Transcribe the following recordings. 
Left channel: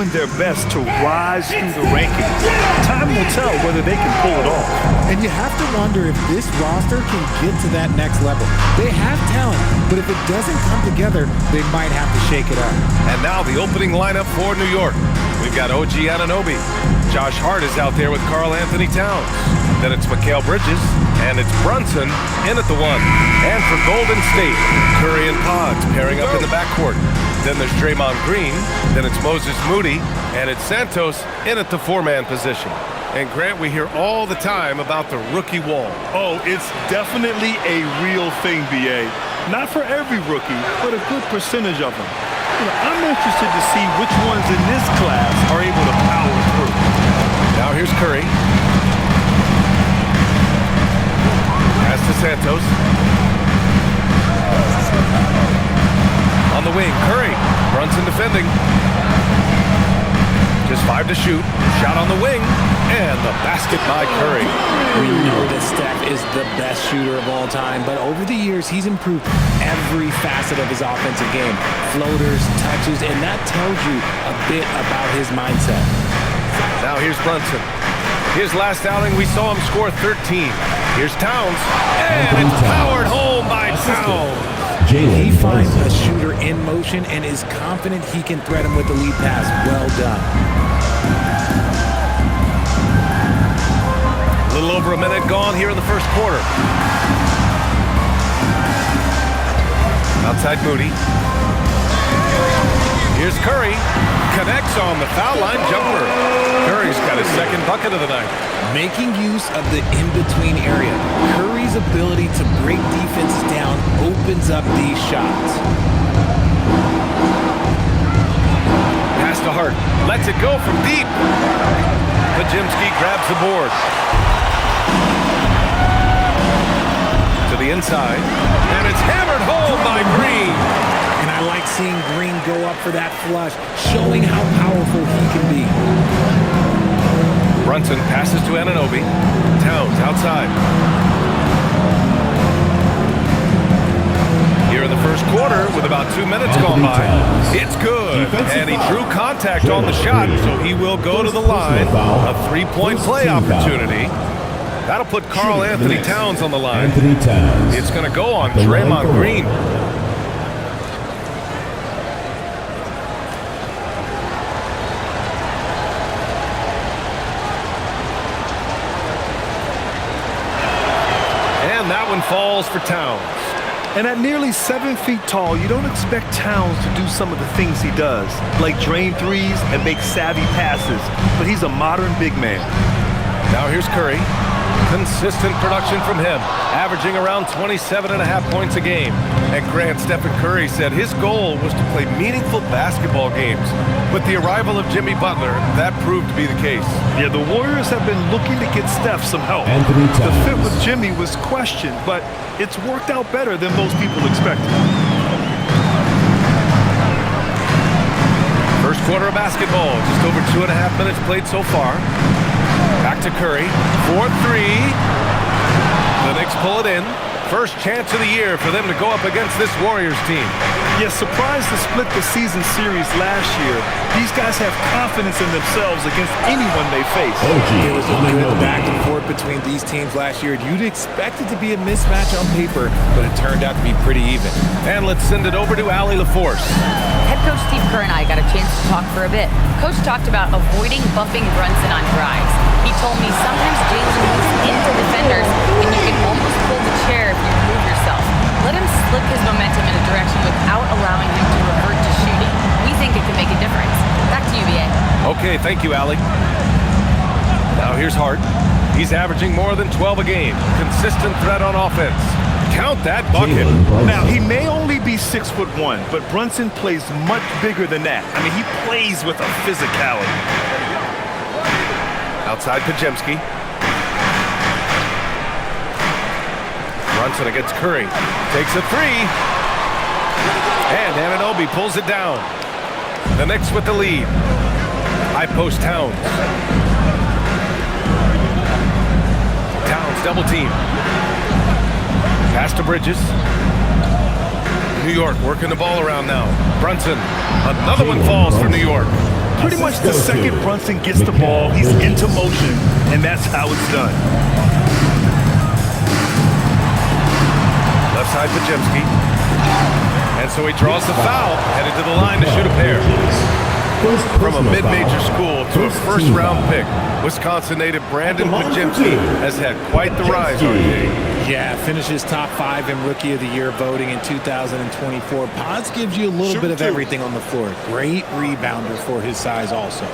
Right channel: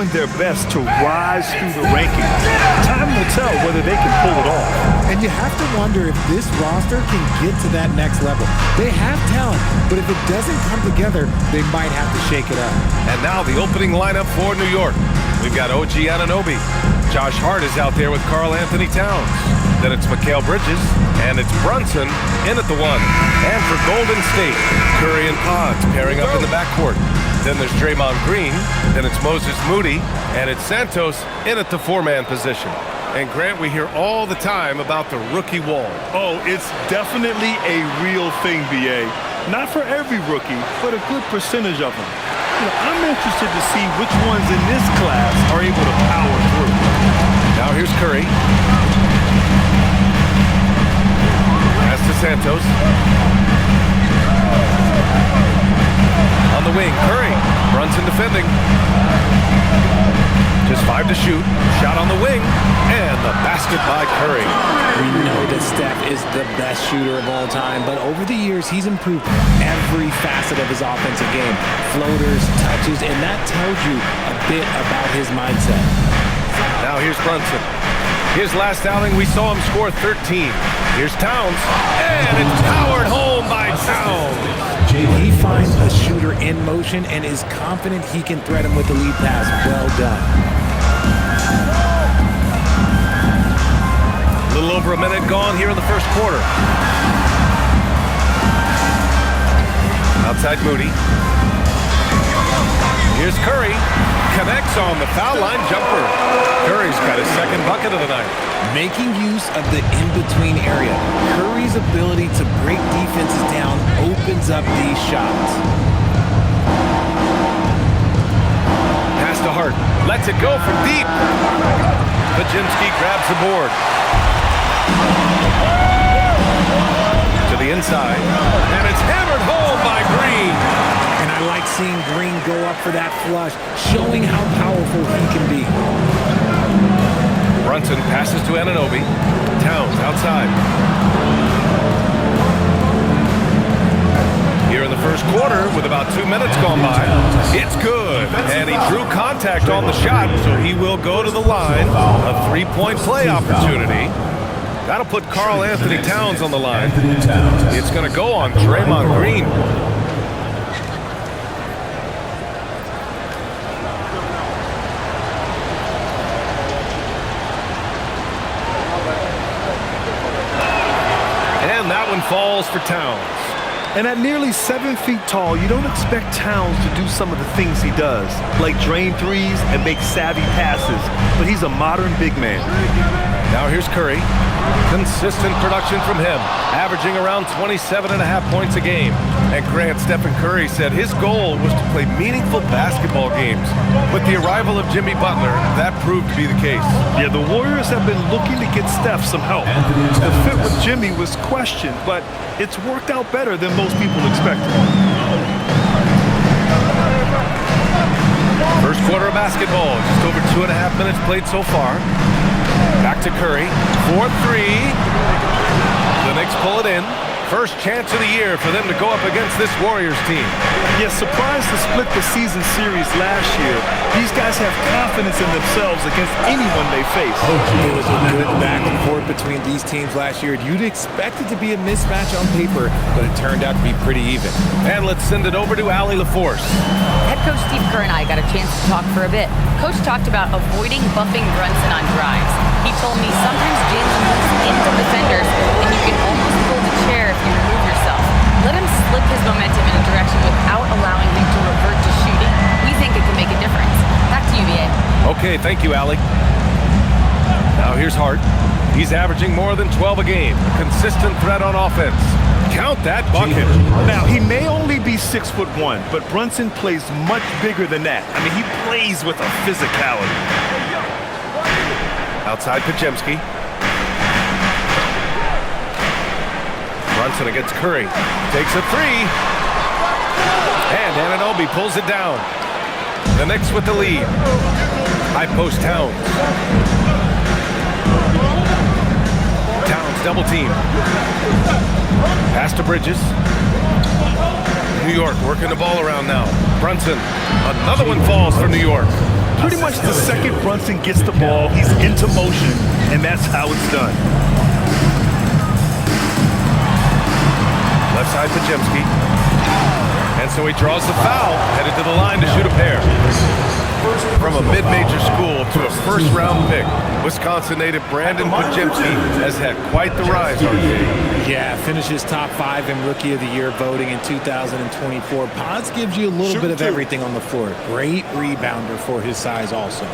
doing their best to rise through the rankings. Time will tell whether they can pull it off. And you have to wonder if this roster can get to that next level. They have talent, but if it doesn't come together, they might have to shake it up. And now the opening lineup for New York. We've got OG Anunoby. Josh Hart is out there with Karl Anthony Towns. Then it's Mikal Bridges, and it's Brunson in at the 1. And for Golden State, Curry and Pods pairing up in the backcourt. Then there's Draymond Green, then it's Moses Moody, and it's Santos in at the 4-man position. And Grant, we hear all the time about the rookie wall. Oh, it's definitely a real thing, BA. Not for every rookie, but a good percentage of them. I'm interested to see which ones in this class are able to power through. Now here's Curry. Pass to Santos. On the wing, Curry. Brunson defending. Just 5 to shoot. Shot on the wing. And the basket by Curry. We know that Steph is the best shooter of all time, but over the years, he's improved every facet of his offensive game. Floaters, touches, and that tells you a bit about his mindset. Now here's Brunson. His last outing, we saw him score 13. Here's Towns. And it's powered home by Towns. He finds a shooter in motion and is confident he can thread him with the lead pass. Well done. A little over a minute gone here in the first quarter. Outside Moody. Here's Curry. Connects on the foul line jumper. Curry's got his second bucket of the night. Making use of the in-between area. Curry's ability to break defenses down opens up these shots. Pass to Hart. Lets it go from deep. Pajimski grabs the board. To the inside. And it's hammered home by Green. And I like seeing Green go up for that flush, showing how powerful he can be. Brunson passes to Anunoby. Towns outside. Here in the first quarter, with about 2 minutes gone by, it's good. And he drew contact on the shot, so he will go to the line. A 3-point play opportunity. That'll put Karl Anthony Towns on the line. It's going to go on Draymond Green. And that one falls for Towns. And at nearly 7 feet tall, you don't expect Towns to do some of the things he does, like drain threes and make savvy passes, but he's a modern big man. Now here's Curry. Consistent production from him, averaging around 27.5 points a game. And Grant, Stephen Curry said his goal was to play meaningful basketball games. With the arrival of Jimmy Butler, that proved to be the case. Yeah, the Warriors have been looking to get Steph some help. The fit with Jimmy was questioned, but it's worked out better than most people expected. First quarter of basketball, just over 2.5 minutes played so far. Back to Curry, 4-3. The Knicks pull it in. First chance of the year for them to go up against this Warriors team. Yeah, surprised to split the season series last year. These guys have confidence in themselves against anyone they face. There was a good back and forth between these teams last year. You'd expect it to be a mismatch on paper, but it turned out to be pretty even. And let's send it over to Allie LaForce. Head coach Steve Kerr and I got a chance to talk for a bit. Coach talked about avoiding bumping Brunson on drives. He told me sometimes Jalen moves into defenders and you can almost pull the chair if you remove yourself. Let him slip his momentum in a direction without allowing him to revert to shooting. We think it can make a difference. Back to you, BA. Okay, thank you, Allie. Now here's Hart. He's averaging more than 12 a game. A consistent threat on offense. Count that bucket. Now, he may only be 6'1", but Brunson plays much bigger than that. I mean, he plays with a physicality. Outside Pajemski. Brunson against Curry. Takes a 3. And Anunoby pulls it down. The Knicks with the lead. High post Towns. Towns double team. Pass to Bridges. New York working the ball around now. Brunson. Another one falls for New York. Pretty much the second Brunson gets the ball, he's into motion, and that's how it's done. Left side, Pajemski. And so he draws the foul, headed to the line to shoot a pair. From a mid-major school to a first-round pick, Wisconsin native Brandon Pajemski has had quite the rise, RJ. Yeah, finishes top 5 in Rookie of the Year voting in 2024. Pods gives you a little bit of everything on the floor. Great rebounder for his size also.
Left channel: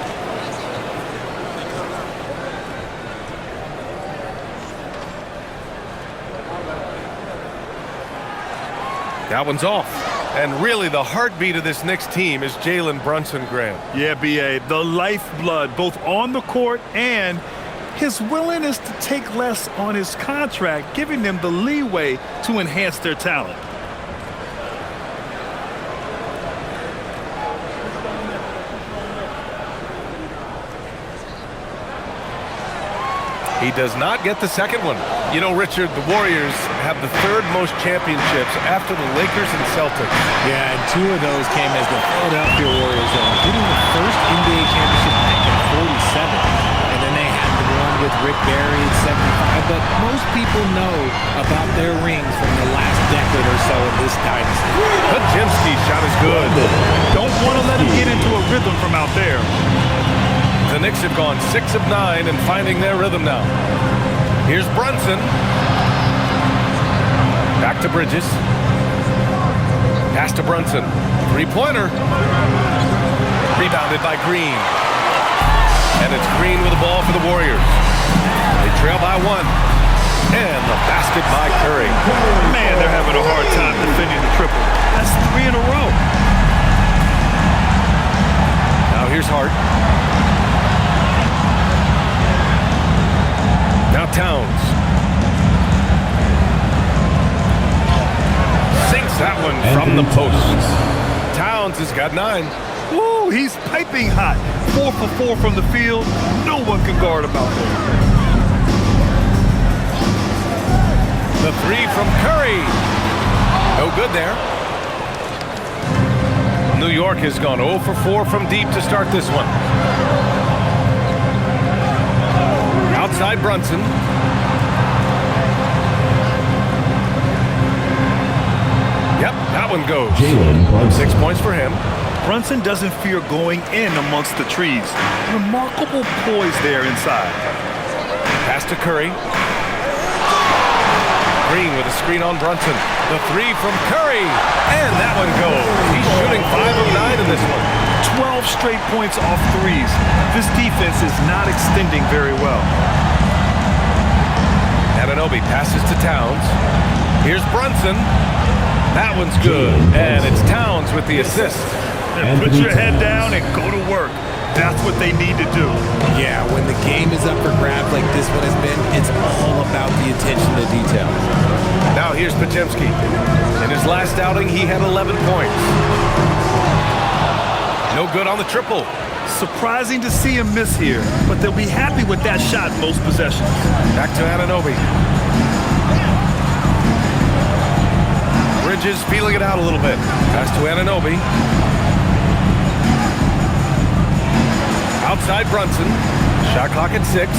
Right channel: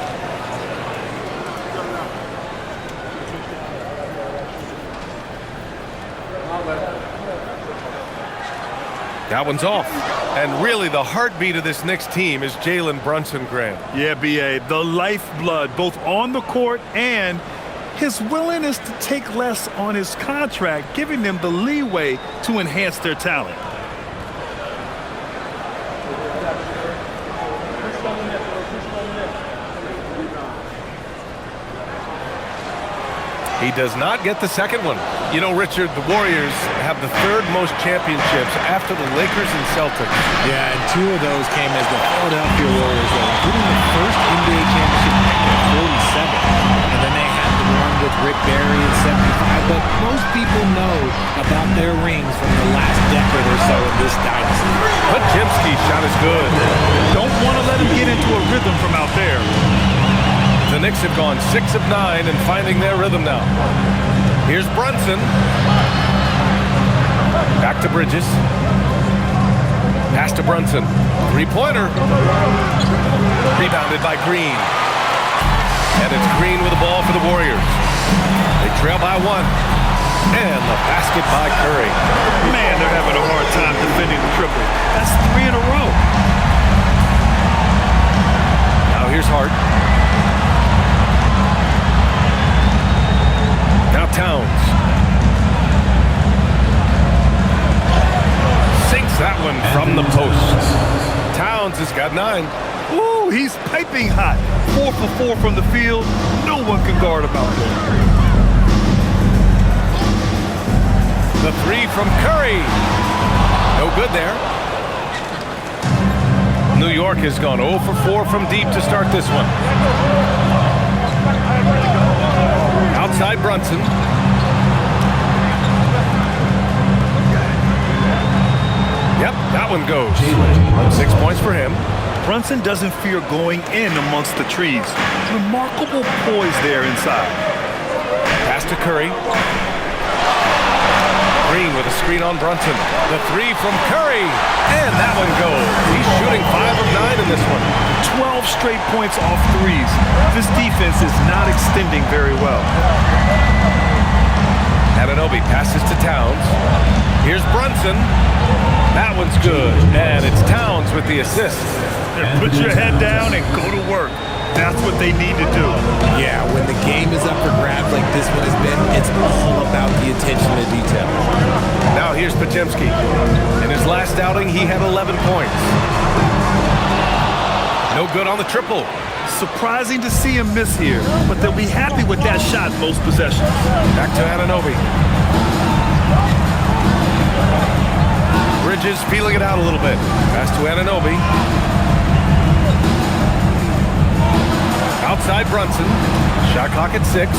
That one's off. And really, the heartbeat of this Knicks team is Jalen Brunson, Graham. Yeah, B.A., the lifeblood, both on the court and his willingness to take less on his contract, giving them the leeway to enhance their talent. He does not get the second one. You know, Richard, the Warriors have the 3rd most championships after the Lakers and Celtics. Yeah, and 2 of those came as the Philadelphia Warriors, though, including the first NBA championship back in 47. And then they had the one with Rick Barry in 75. But most people know about their rings from the last decade or so in this dynasty. Pajemski's shot is good. Don't want to let him get into a rhythm from out there. The Knicks have gone 6 of 9 and finding their rhythm now. Here's Brunson. Back to Bridges. Pass to Brunson. 3-pointer. Rebounded by Green. And it's Green with the ball for the Warriors. They trail by 1. And the basket by Curry. Man, they're having a hard time defending the triple. That's 3 in a row. Now here's Hart. Now Towns. Sinks that one from the post. Towns has got 9. Ooh, he's piping hot. 4 for 4 from the field. No one can guard him out there. The 3 from Curry. No good there. New York has gone 0 for 4 from deep to start this one. Outside Brunson. Yep, that one goes. 6 points for him. Brunson doesn't fear going in amongst the trees. Remarkable poise there inside. Pass to Curry. Green with a screen on Brunson. The 3 from Curry. And that one goes. He's shooting 5 of 9 in this one. 12 straight points off threes. This defense is not extending very well. Anunoby passes to Towns. Here's Brunson. That one's good. And it's Towns with the assist. And put your head down and go to work. That's what they need to do. Yeah, when the game is up for grabs like this one has been, it's all about the attention to detail. Now here's Pajemski. In his last outing, he had 11 points. No good on the triple. Surprising to see him miss here, but they'll be happy with that shot most possessions. Back to Anunoby. Bridges feeling it out a little bit. Pass to Anunoby. Outside Brunson. Shot clock at 6.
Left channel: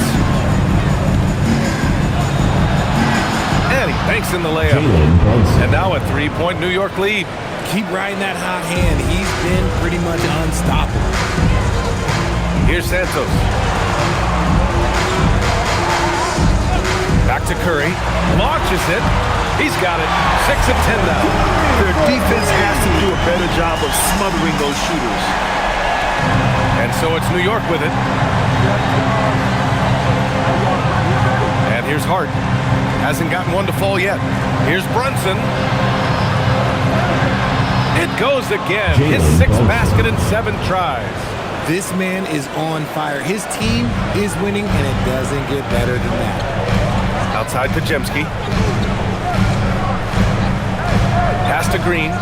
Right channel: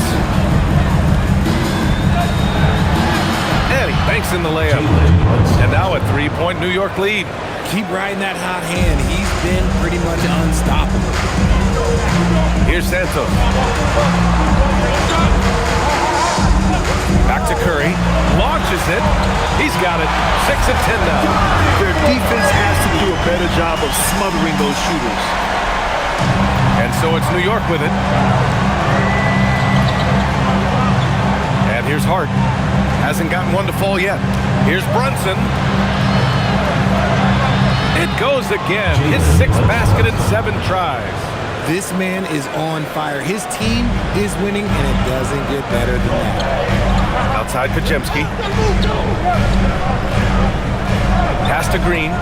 And he banks in the layup. And now a 3-point New York lead. Keep riding that hot hand. He's been pretty much unstoppable. Here's Santos. Back to Curry. Launches it. He's got it. 6 of 10 now. Their defense has to do a better job of smothering those shooters. And so it's New York with it. And here's Hart. Hasn't gotten one to fall yet. Here's Brunson. It goes again. His 6th basket in 7 tries. This man is on fire. His team is winning, and it doesn't get better than that. Outside Pajemski. Pass to Green.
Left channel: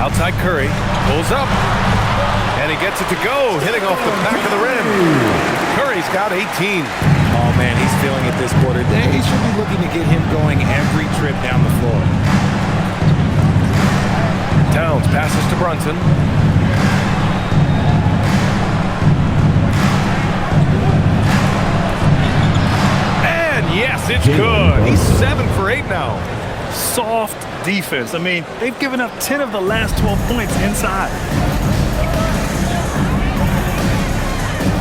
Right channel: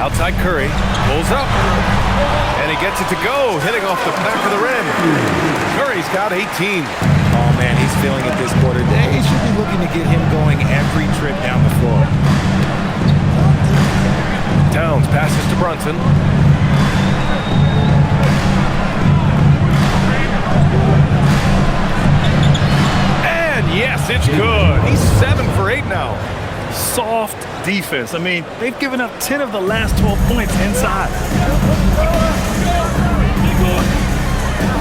Outside Curry. Pulls up. And he gets it to go, hitting off the back of the rim. Curry's got 18. Oh, man, he's feeling it this quarter. They should be looking to get him going every trip down the floor. Towns passes to Brunson. And yes, it's good. He's 7 for 8 now. Soft defense. I mean, they've given up 10 of the last 12 points inside.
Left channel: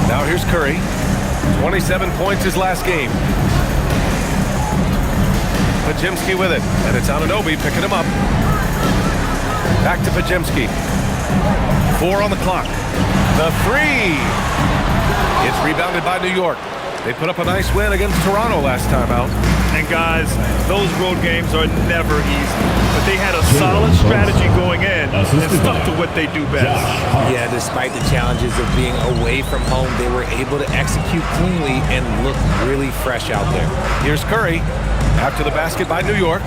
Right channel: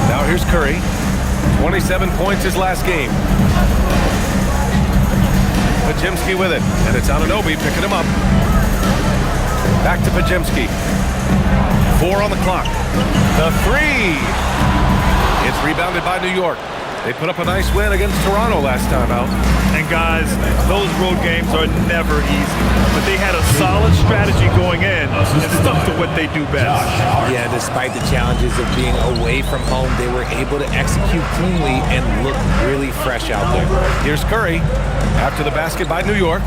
Now here's Curry. 27 points his last game. Pajemski with it, and it's Anunoby picking him up. Back to Pajemski. 4 on the clock. The 3. It's rebounded by New York. They put up a nice win against Toronto last time out. And guys, those road games are never easy. But they had a solid strategy going in and stuck to what they do best. Yeah, despite the challenges of being away from home, they were able to execute cleanly and look really fresh out there. Here's Curry after the basket by New York.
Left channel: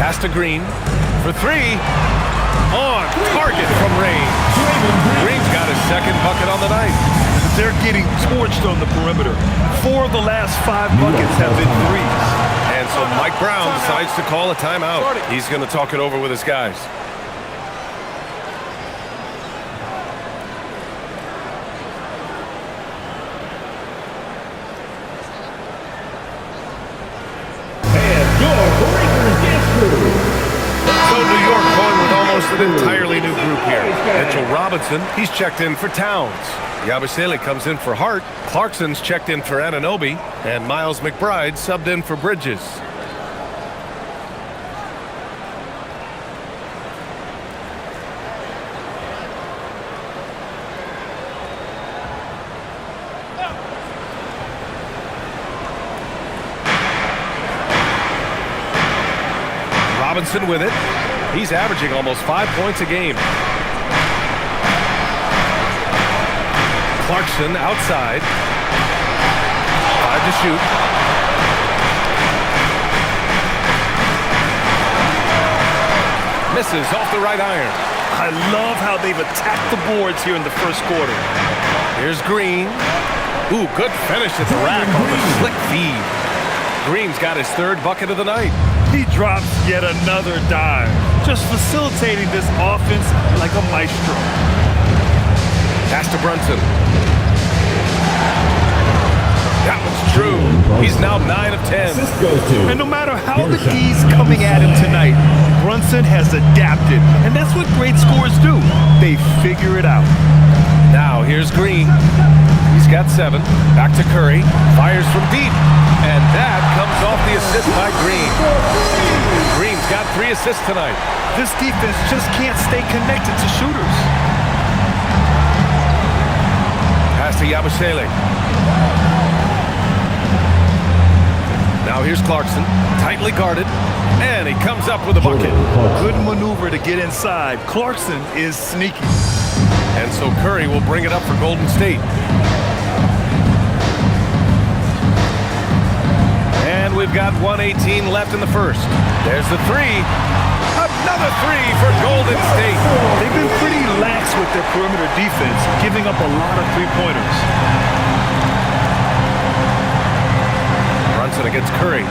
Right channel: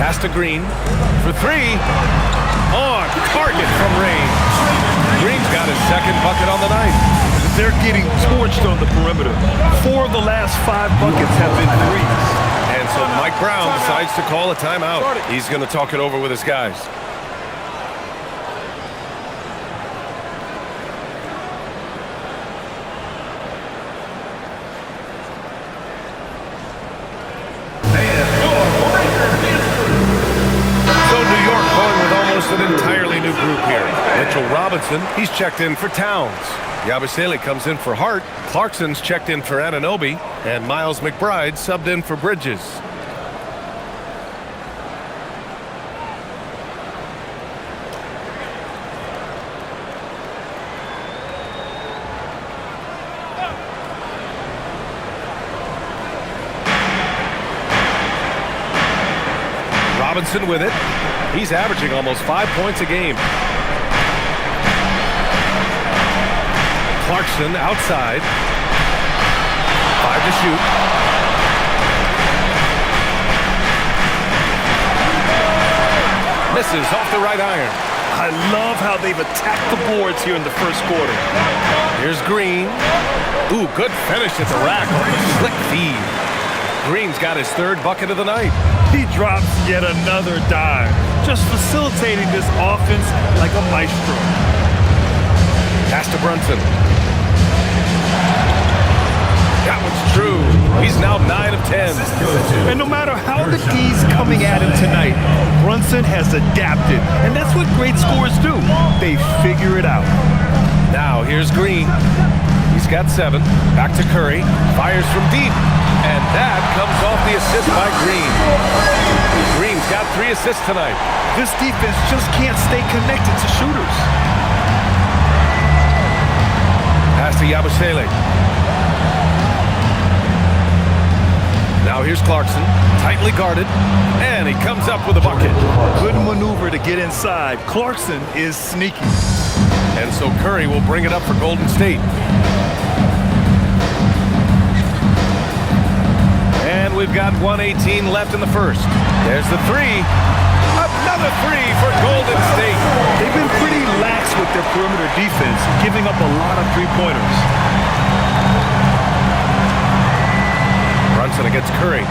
Pass to Green for 3. On target from range. Green's got his second bucket on the night. They're getting torched on the perimeter. 4 of the last 5 buckets have been threes. And so Mike Brown decides to call a timeout. He's going to talk it over with his guys. So New York going with almost an entirely new group here. Mitchell Robinson, he's checked in for Towns. Yabusele comes in for Hart. Clarkson's checked in for Anunoby. And Miles McBride subbed in for Bridges. Robinson with it. He's averaging almost 5 points a game. Clarkson outside. 5 to shoot. Misses off the right iron. I love how they've attacked the boards here in the first quarter. Here's Green. Ooh, good finish at the rack on the slick feed. Green's got his 3rd bucket of the night. He drops yet another dime, just facilitating this offense like a maestro. Pass to Brunson. That one's true. He's now 9 of 10. And no matter how the D's coming at him tonight, Brunson has adapted. And that's what great scorers do. They figure it out. Now here's Green. He's got 7. Back to Curry. Fires from deep. And that comes off the assist by Green. Green's got 3 assists tonight. This defense just can't stay connected to shooters. Pass to Yabusele. Now here's Clarkson, tightly guarded, and he comes up with a bucket. Good maneuver to get inside. Clarkson is sneaky. And so Curry will bring it up for Golden State. And we've got 1:18 left in the first. There's the 3. Another 3 for Golden State. They've been pretty lax with their perimeter defense, giving up a lot of three-pointers. Brunson against Curry.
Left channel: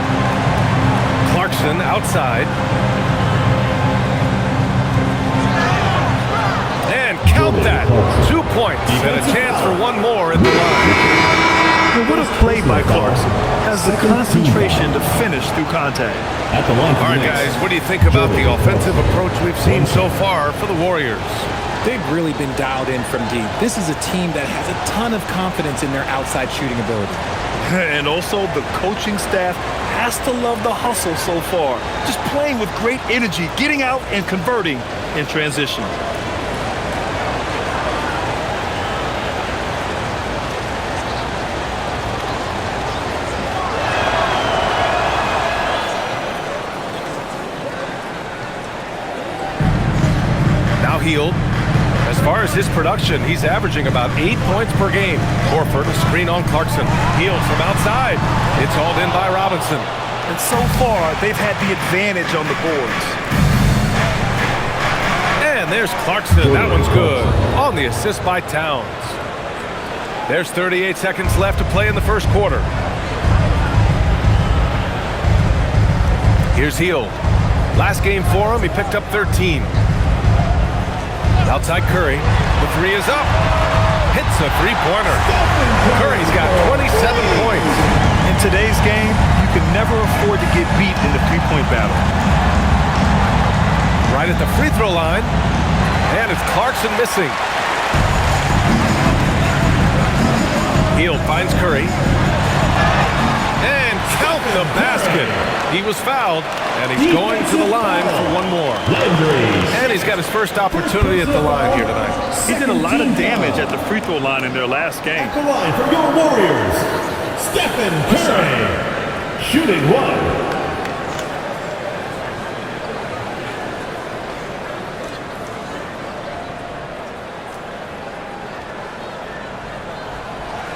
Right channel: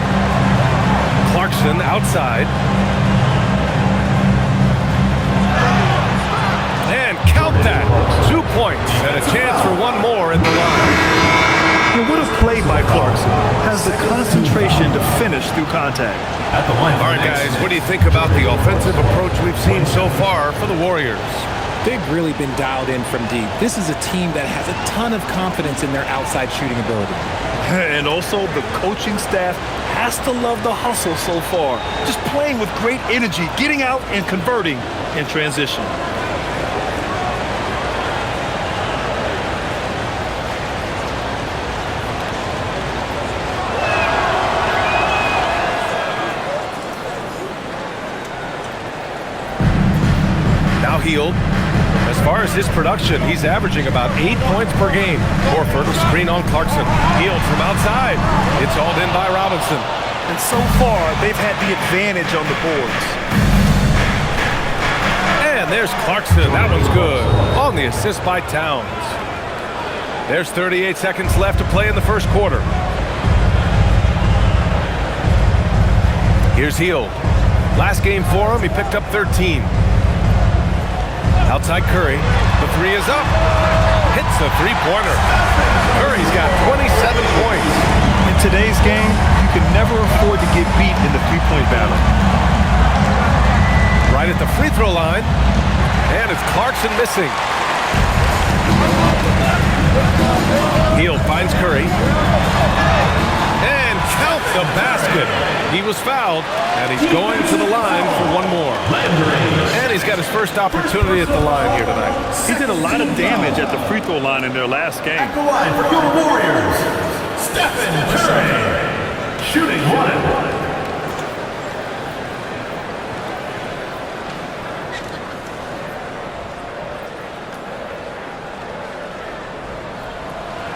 Clarkson outside. And count that. 2 points and a chance for one more at the line. And what a play by Clarkson. Has the concentration to finish through contact. At the line. All right, guys, what do you think about the offensive approach we've seen so far for the Warriors? They've really been dialed in from deep. This is a team that has a ton of confidence in their outside shooting ability. And also, the coaching staff has to love the hustle so far. Just playing with great energy, getting out and converting in transition. Healed. As far as his production, he's averaging about 8 points per game. Horford will screen on Clarkson. Healed from outside. It's hauled in by Robinson. And so far, they've had the advantage on the boards. And there's Clarkson. That one's good. On the assist by Towns. There's 38 seconds left to play in the first quarter. Here's Hield. Last game for him, he picked up 13. Outside Curry. The three is up. Hits a three-pointer. Curry's got 27 points. In today's game, you can never afford to get beat in the three-point battle. Right at the free throw line. And it's Clarkson missing. Hield finds Curry. And count the basket. He was fouled, and he's going to the line for one more. And he's got his first opportunity at the line here tonight. He did a lot of damage at the free throw line in their last game. At the line for your Warriors, Stephen Curry, shooting one.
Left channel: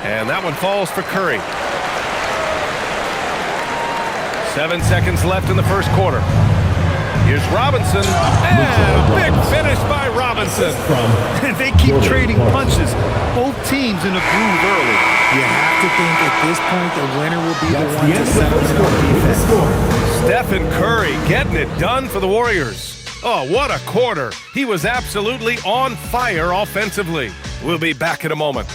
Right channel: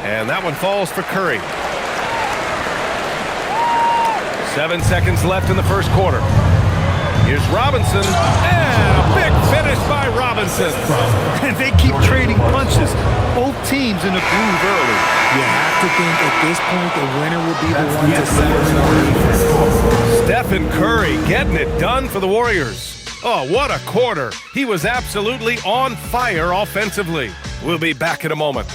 And that one falls for Curry. 7 seconds left in the first quarter. Here's Robinson, and a big finish by Robinson. And they keep trading punches. Both teams in a groove early. You have to think at this point the winner will be the one to settle in on defense. Stephen Curry getting it done for the Warriors. Oh, what a quarter. He was absolutely on fire offensively. We'll be back in a moment.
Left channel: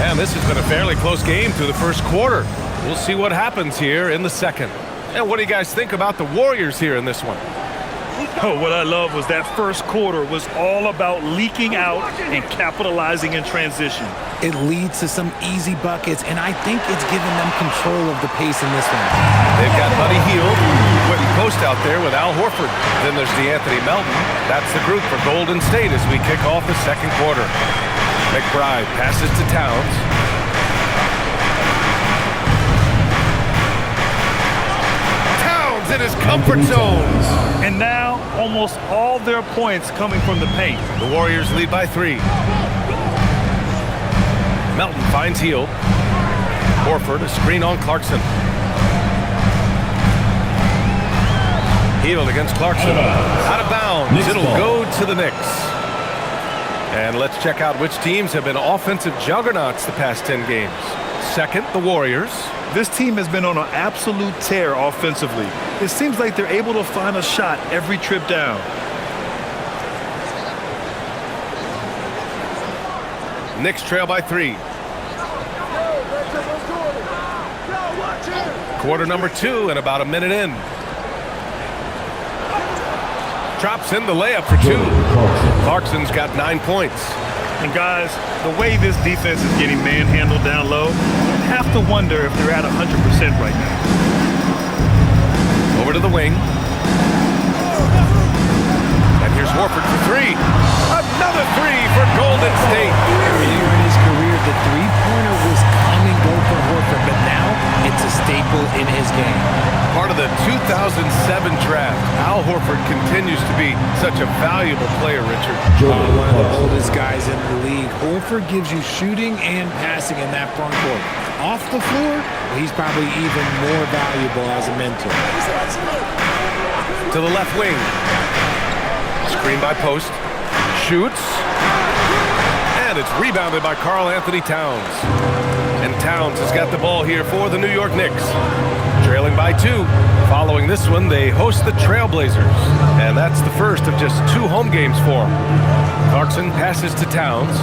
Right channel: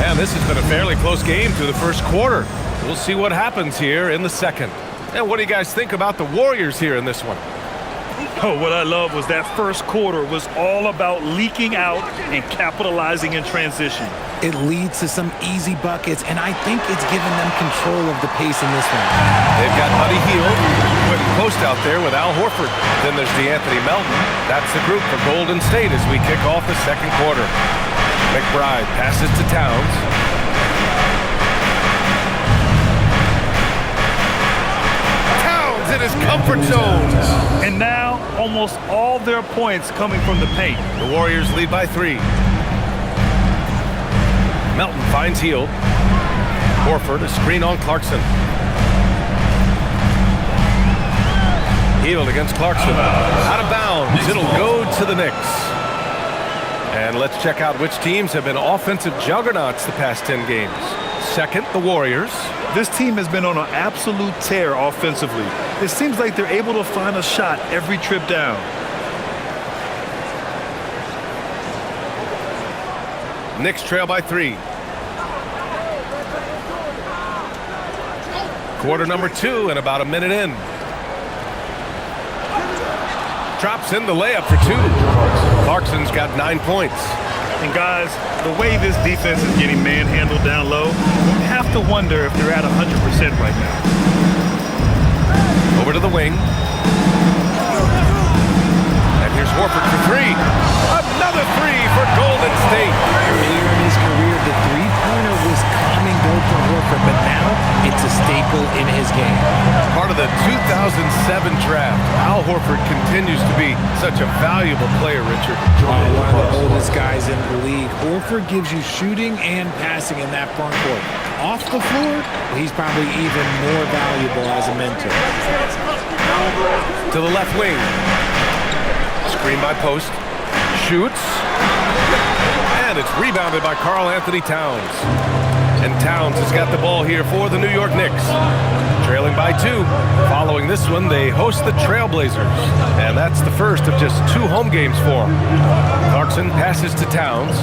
And this has been a fairly close game through the first quarter. We'll see what happens here in the second. And what do you guys think about the Warriors here in this one? Oh, what I love was that first quarter was all about leaking out and capitalizing in transition. It leads to some easy buckets, and I think it's given them control of the pace in this one. They've got Buddy Hield putting post out there with Al Horford. Then there's DeAnthony Melton. That's the group for Golden State as we kick off the second quarter. McBride passes to Towns. Towns in his comfort zone. And now, almost all their points coming from the paint. The Warriors lead by 3. Melton finds Hield. Horford, a screen on Clarkson. Hield against Clarkson. Out of bounds. It'll go to the Knicks. And let's check out which teams have been offensive juggernauts the past 10 games. Second, the Warriors. This team has been on an absolute tear offensively. It seems like they're able to find a shot every trip down. Knicks trail by 3. Quarter number 2 and about a minute in. Drops in the layup for 2. Clarkson's got 9 points. And guys, the way this defense is getting manhandled down low, you have to wonder if they're at 100% right now. Over to the wing. And here's Horford for 3. Another 3 for Golden State. Earlier in his career, the three-pointer was come and go for Horford, but now it's a staple in his game. Part of the 2007 draft, Al Horford continues to be such a valuable player, Richard. One of the oldest guys in the league. Horford gives you shooting and passing in that front court. Off the floor, he's probably even more valuable as a mentor. To the left wing. Screen by post. Shoots. And it's rebounded by Karl Anthony Towns. And Towns has got the ball here for the New York Knicks. Trailing by 2. Following this one, they host the Trailblazers. And that's the first of just 2 home games for them. Clarkson passes to Towns.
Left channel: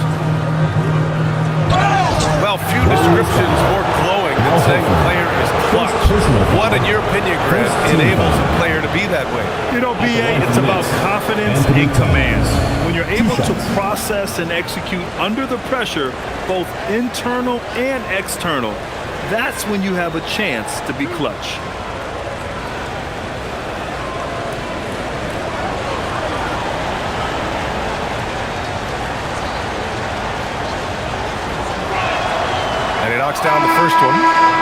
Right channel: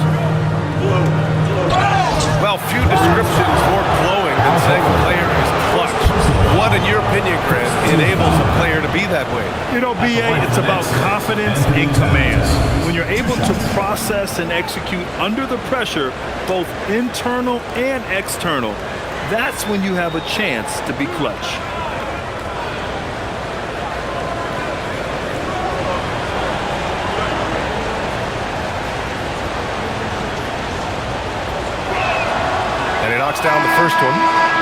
Well, few descriptions more glowing than saying a player is clutch. What, in your opinion, Grant, enables a player to be that way? You know, BA, it's about confidence and command. When you're able to process and execute under the pressure, both internal and external, that's when you have a chance to be clutch. And he knocks down the first one.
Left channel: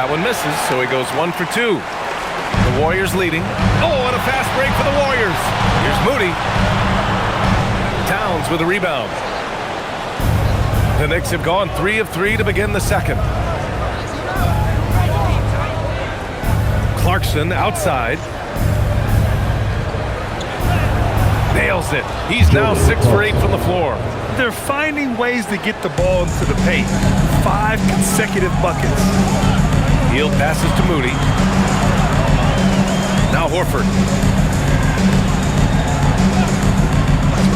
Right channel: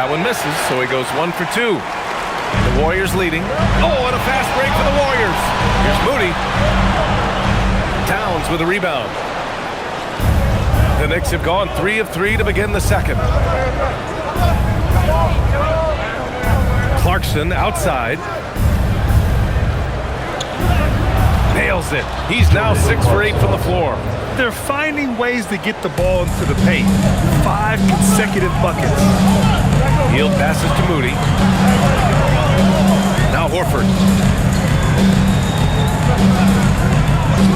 That one misses, so he goes 1 for 2. The Warriors leading. Oh, and a fast break for the Warriors. Here's Moody. Towns with a rebound. The Knicks have gone 3 of 3 to begin the second. Clarkson outside. Nails it. He's now 6 for 8 from the floor. They're finding ways to get the ball into the paint. 5 consecutive buckets. Hield passes to Moody. Now Horford.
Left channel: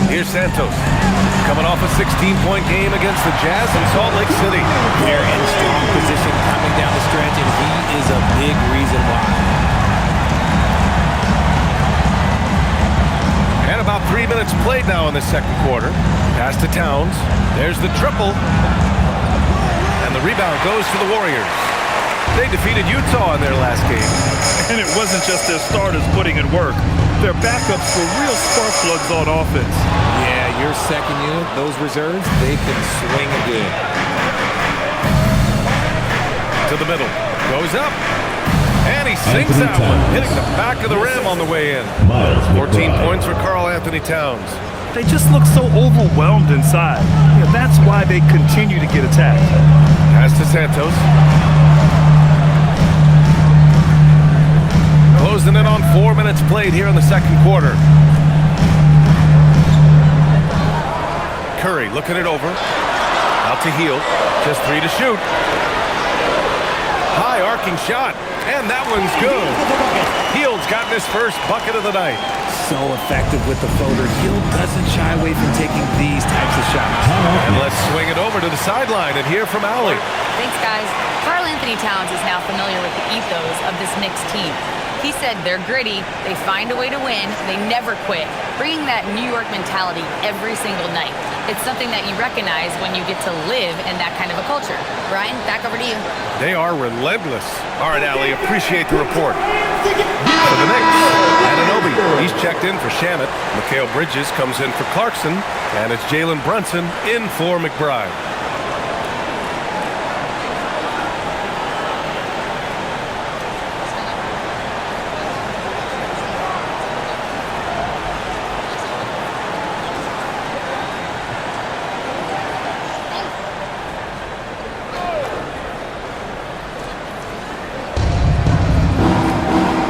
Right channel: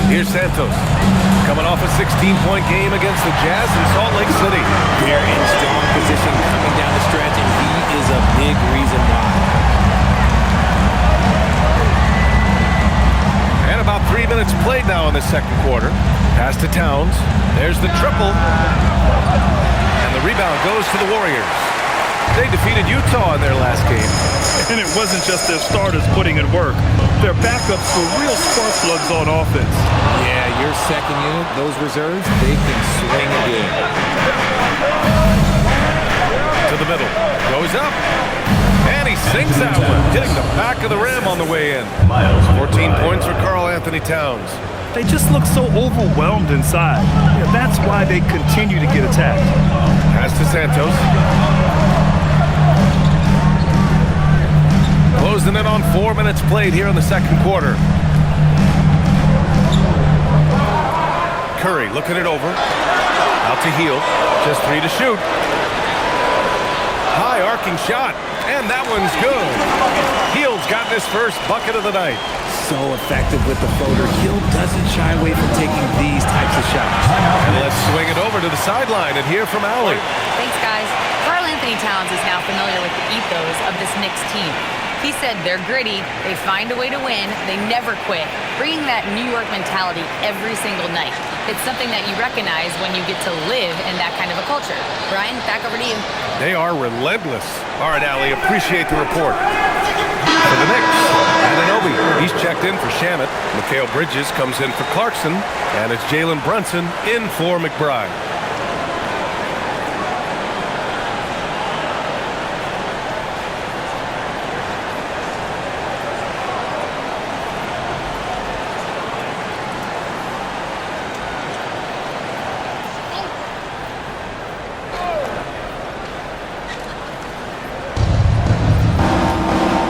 Here's Santos. Coming off a 16-point game against the Jazz in Salt Lake City. They're in strong position coming down the stretch, and he is a big reason why. And about 3 minutes played now in the second quarter. Pass to Towns. There's the triple. And the rebound goes to the Warriors. They defeated Utah in their last game. And it wasn't just their starters putting in work. Their backups were real spark plugs on offense. Yeah, your second unit, those reserves, they can swing a game. To the middle. Goes up. And he sinks that one, hitting the back of the rim on the way in. 14 points for Karl Anthony Towns. They just look so overwhelmed inside. Yeah, that's why they continue to get attacked. Pass to Santos. Closing in on 4 minutes played here in the second quarter. Curry looking it over. Out to Hield. Just 3 to shoot. High arcing shot. And that one's good. Hield's gotten his first bucket of the night. So effective with the floater. Hield doesn't shy away from taking these types of shots. And let's swing it over to the sideline and hear from Allie. Thanks, guys. Karl Anthony Towns is now familiar with the ethos of this Knicks team. He said they're gritty, they find a way to win, they never quit, bringing that New York mentality every single night. It's something that you recognize when you get to live in that kind of a culture. Brian, back over to you. They are relentless. All right, Allie, appreciate the report. For the Knicks, Anunoby, he's checked in for Shamet. Mikal Bridges comes in for Clarkson, and it's Jalen Brunson in for McBride.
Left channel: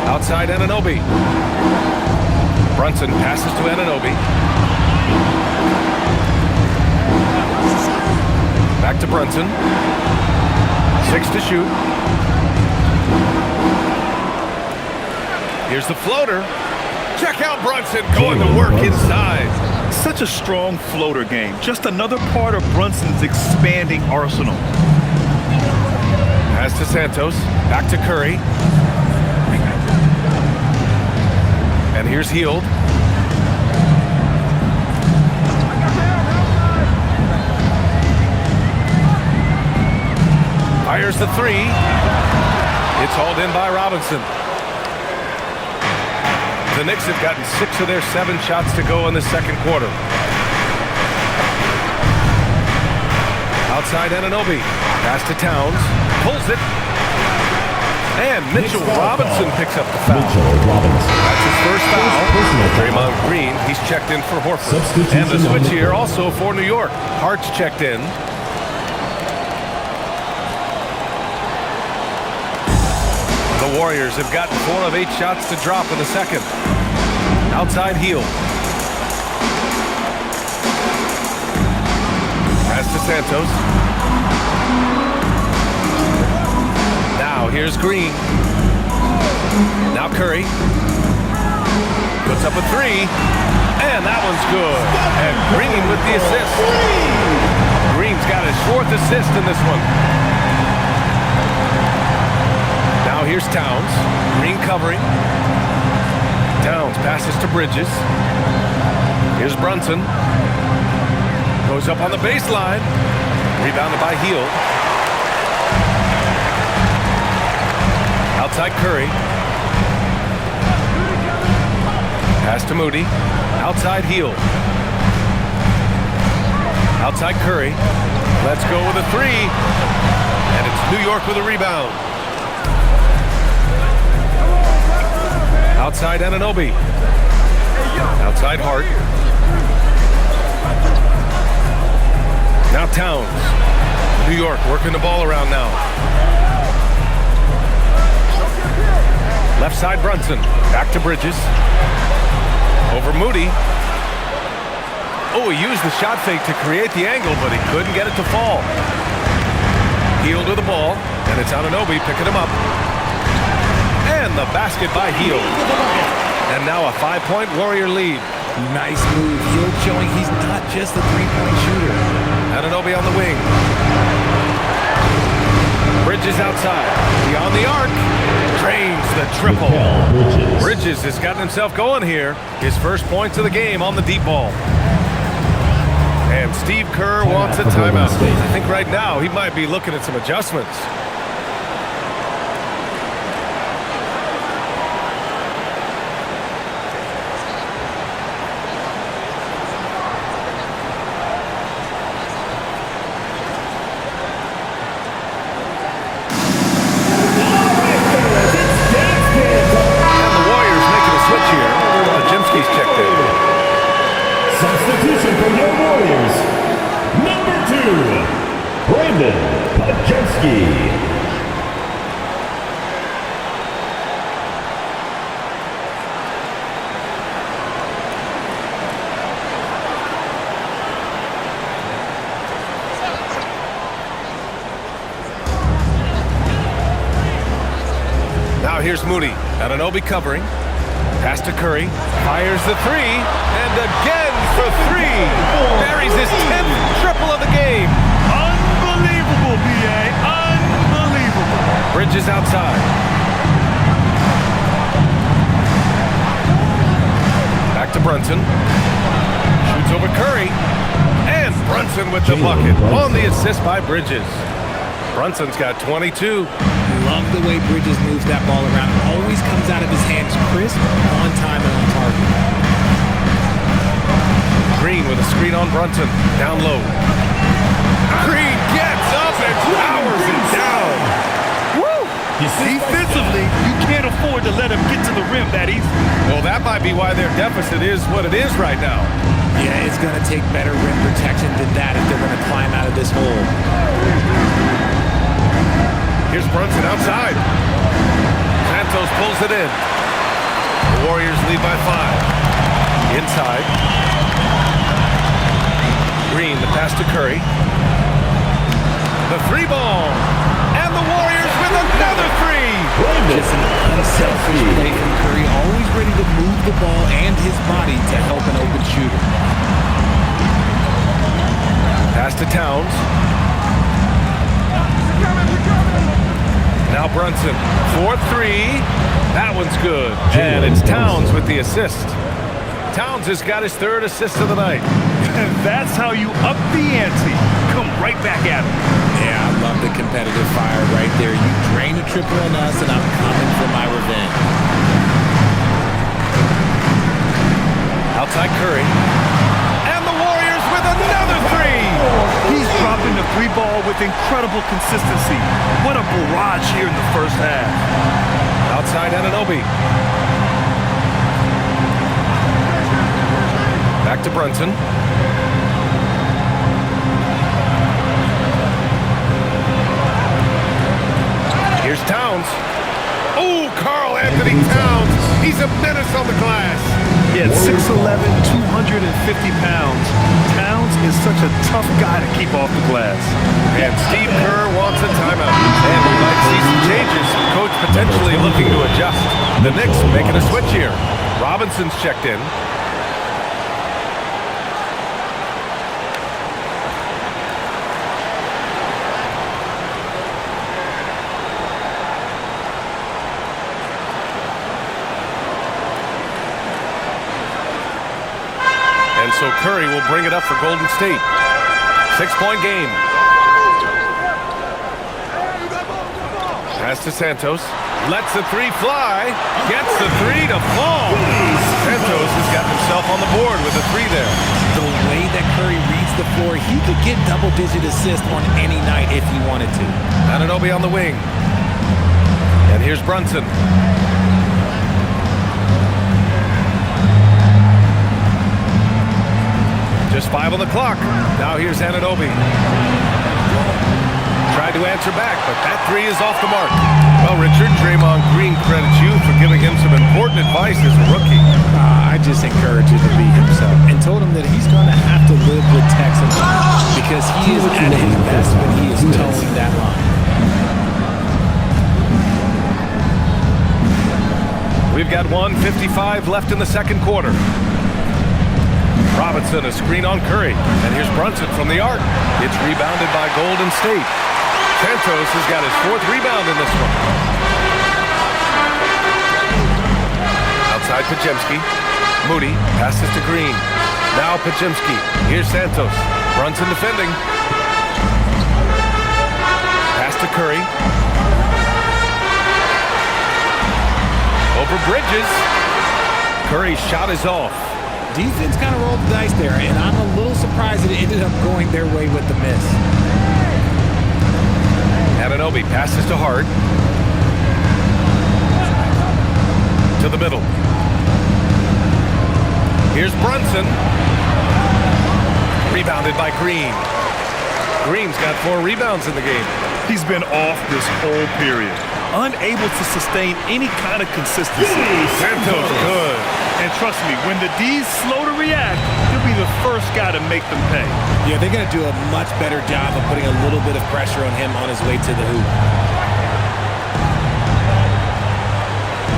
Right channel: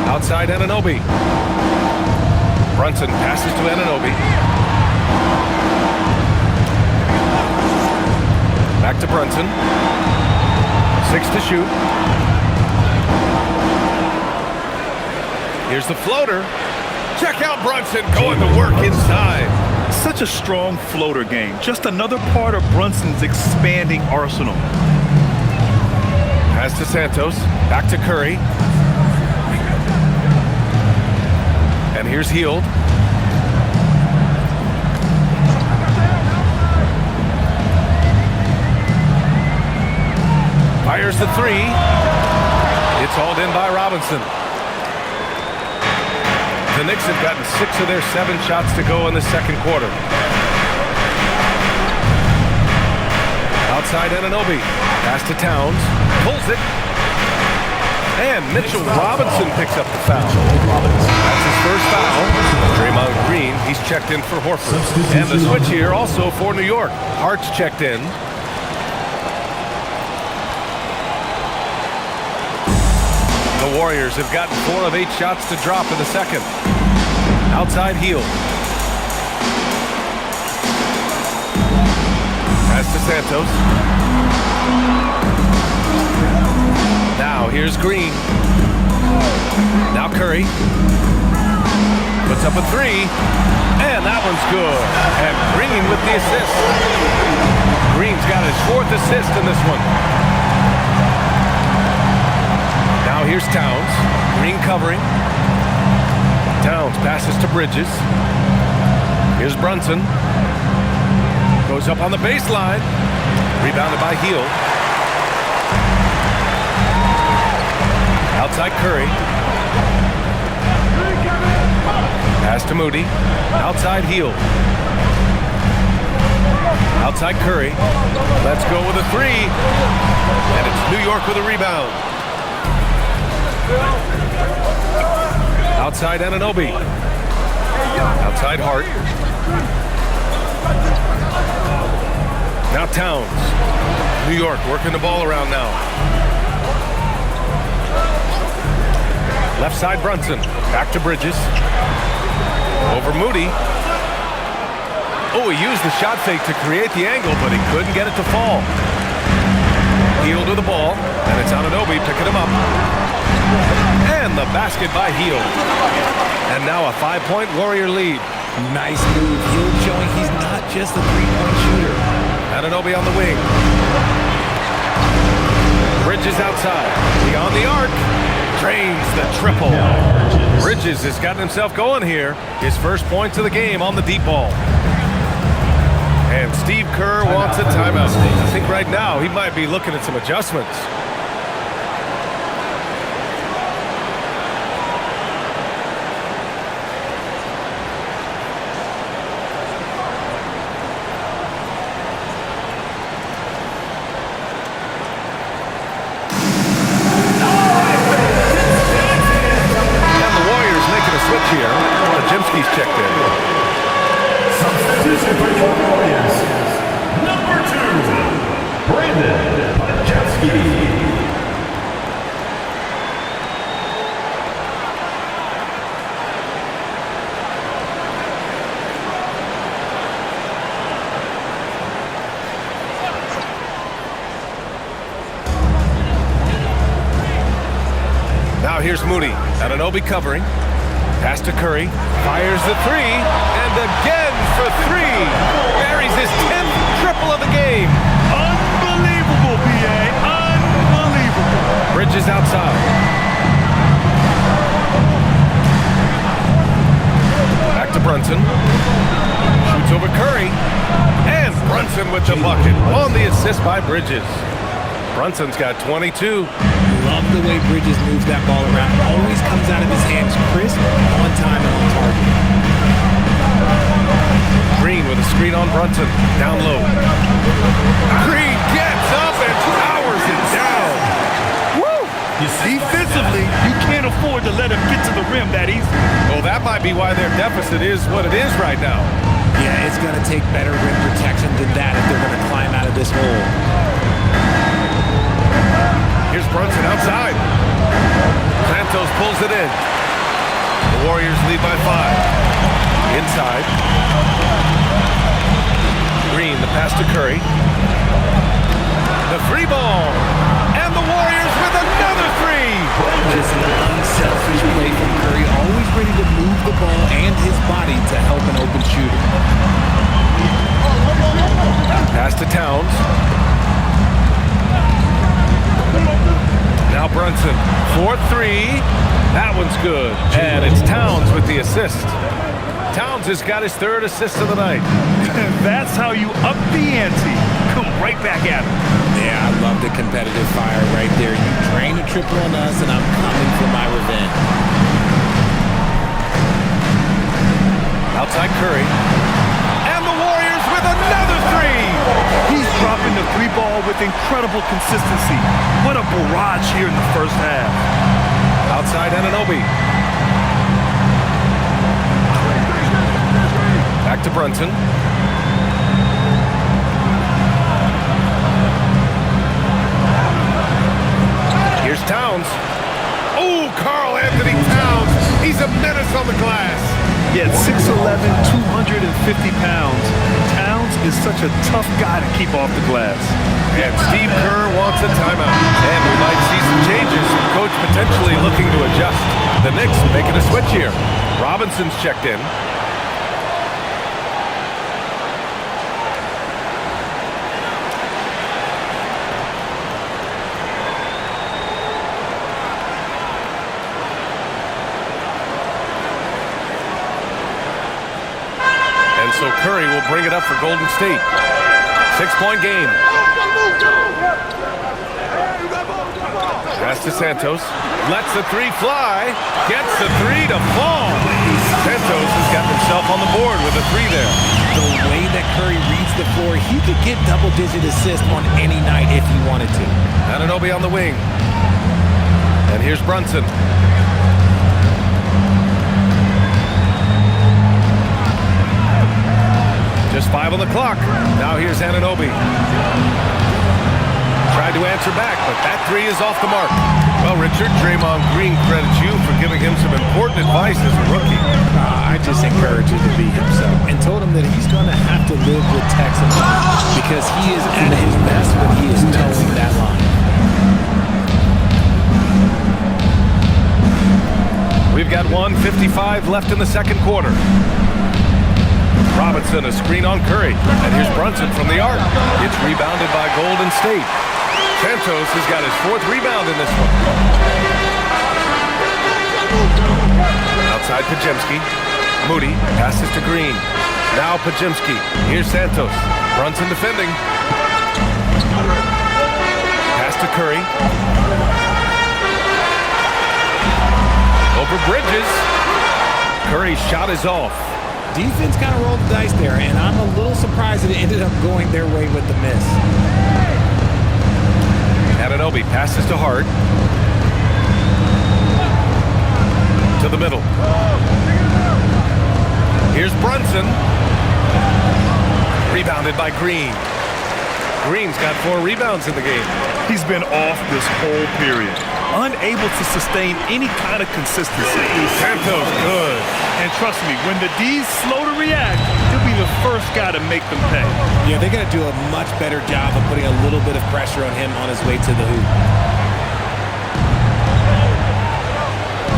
Outside Anunoby. Brunson passes to Anunoby. Back to Brunson. 6 to shoot. Here's the floater. Check out Brunson going to work inside. Such a strong floater game. Just another part of Brunson's expanding arsenal. Pass to Santos. Back to Curry. And here's Hield. Fires the 3. It's hauled in by Robinson. The Knicks have gotten 6 of their 7 shots to go in the second quarter. Outside Anunoby. Pass to Towns. Pulls it. And Mitchell Robinson picks up the foul. That's his first foul. Draymond Green, he's checked in for Horford. And the switch here also for New York. Hart's checked in. The Warriors have gotten 4 of 8 shots to drop in the second. Outside Hield. Pass to Santos. Now here's Green. Now Curry. Puts up a 3. And that one's good. And Green with the assist. Green's got his 4th assist in this one. Now here's Towns. Green covering. Towns passes to Bridges. Here's Brunson. Goes up on the baseline. Rebounded by Hield. Outside Curry. Pass to Moody. Outside Hield. Outside Curry. Let's go with a 3. And it's New York with a rebound. Outside Anunoby. Outside Hart. Now Towns. New York working the ball around now. Left side Brunson. Back to Bridges. Over Moody. Oh, he used the shot fake to create the angle, but he couldn't get it to fall. Hield with the ball, and it's Anunoby picking him up. And the basket by Hield. And now a 5-point Warrior lead. Nice move. Hield showing he's not just a three-point shooter. Anunoby on the wing. Bridges outside. Beyond the arc. Drains the triple. Bridges has gotten himself going here. His first points of the game on the deep ball. And Steve Kerr wants a timeout. I think right now he might be looking at some adjustments. He's checked in. Substitution for your Warriors. Number 2, Brandon Podjemski. Now here's Moody. Anunoby covering. Pass to Curry, fires the three, and again for three. Buries his 10th triple of the game. Unbelievable, B.A. Unbelievable. Bridges outside. Back to Brunson. Shoots over Curry. And Brunson with the bucket on the assist by Bridges. Brunson's got 22. Love the way Bridges moves that ball around. Always comes out of his hands crisp, on time, and on target. Green with a screen on Brunson. Down low. Green gets up and powers it down. Woo! Defensively, you can't afford to let him get to the rim that easy. Well, that might be why their deficit is what it is right now. Yeah, it's going to take better rim protection than that if they're going to climb out of this hole. Here's Brunson outside. Santos pulls it in. The Warriors lead by 5. Inside. Green, the pass to Curry. The three ball. And the Warriors with another three. Just an unselfish play from Curry. Always ready to move the ball and his body to help an open shooter. Pass to Towns. Now Brunson, 4-3. That one's good. And it's Towns with the assist. Towns has got his 3rd assist of the night. That's how you up the ante. Come right back at him. Yeah, I love the competitive fire right there. You drain a triple on us, and I'm coming for my revenge. Outside Curry. And the Warriors with another three. He's dropping the three ball with incredible consistency. What a barrage here in the first half. Outside Anunoby. Back to Brunson. Here's Towns. Oh, Karl Anthony Towns. He's a menace on the glass. Yeah, 6'11", 250 pounds. Towns is such a tough guy to keep off the glass. And Steve Kerr wants a timeout. And we might see some changes. Coach potentially looking to adjust. The Knicks making a switch here. Robinson's checked in. And so Curry will bring it up for Golden State. 6-point game. Pass to Santos. Lets the three fly. Gets the three to fall. Santos has got himself on the board with a three there. The way that Curry reads the floor, he could get double-digit assists on any night if he wanted to. Anunoby on the wing. And here's Brunson. Just 5 on the clock. Now here's Anunoby. Tried to answer back, but that three is off the mark. Well, Richard, Draymond Green credits you for giving him some important advice as a rookie. I just encourage him to be himself and told him that he's going to have to live with Texans because he is at his best when he is towing that line. We've got 1:55 left in the second quarter. Robinson, a screen on Curry. And here's Brunson from the arc. It's rebounded by Golden State. Santos has got his 4th rebound in this one. Outside Podziemski. Moody passes to Green. Now Podziemski. Here's Santos. Brunson defending. Pass to Curry. Over Bridges. Curry's shot is off. Defense kind of rolled the dice there, and I'm a little surprised that it ended up going their way with the miss. Anunoby passes to Hart. To the middle. Here's Brunson. Rebounded by Green. Green's got 4 rebounds in the game. He's been off this whole period, unable to sustain any kind of consistency. Santos good. And trust me, when the D's slow to react, he'll be the first guy to make them pay. Yeah, they're going to do a much better job of putting a little bit of pressure on him on his way to the hoop.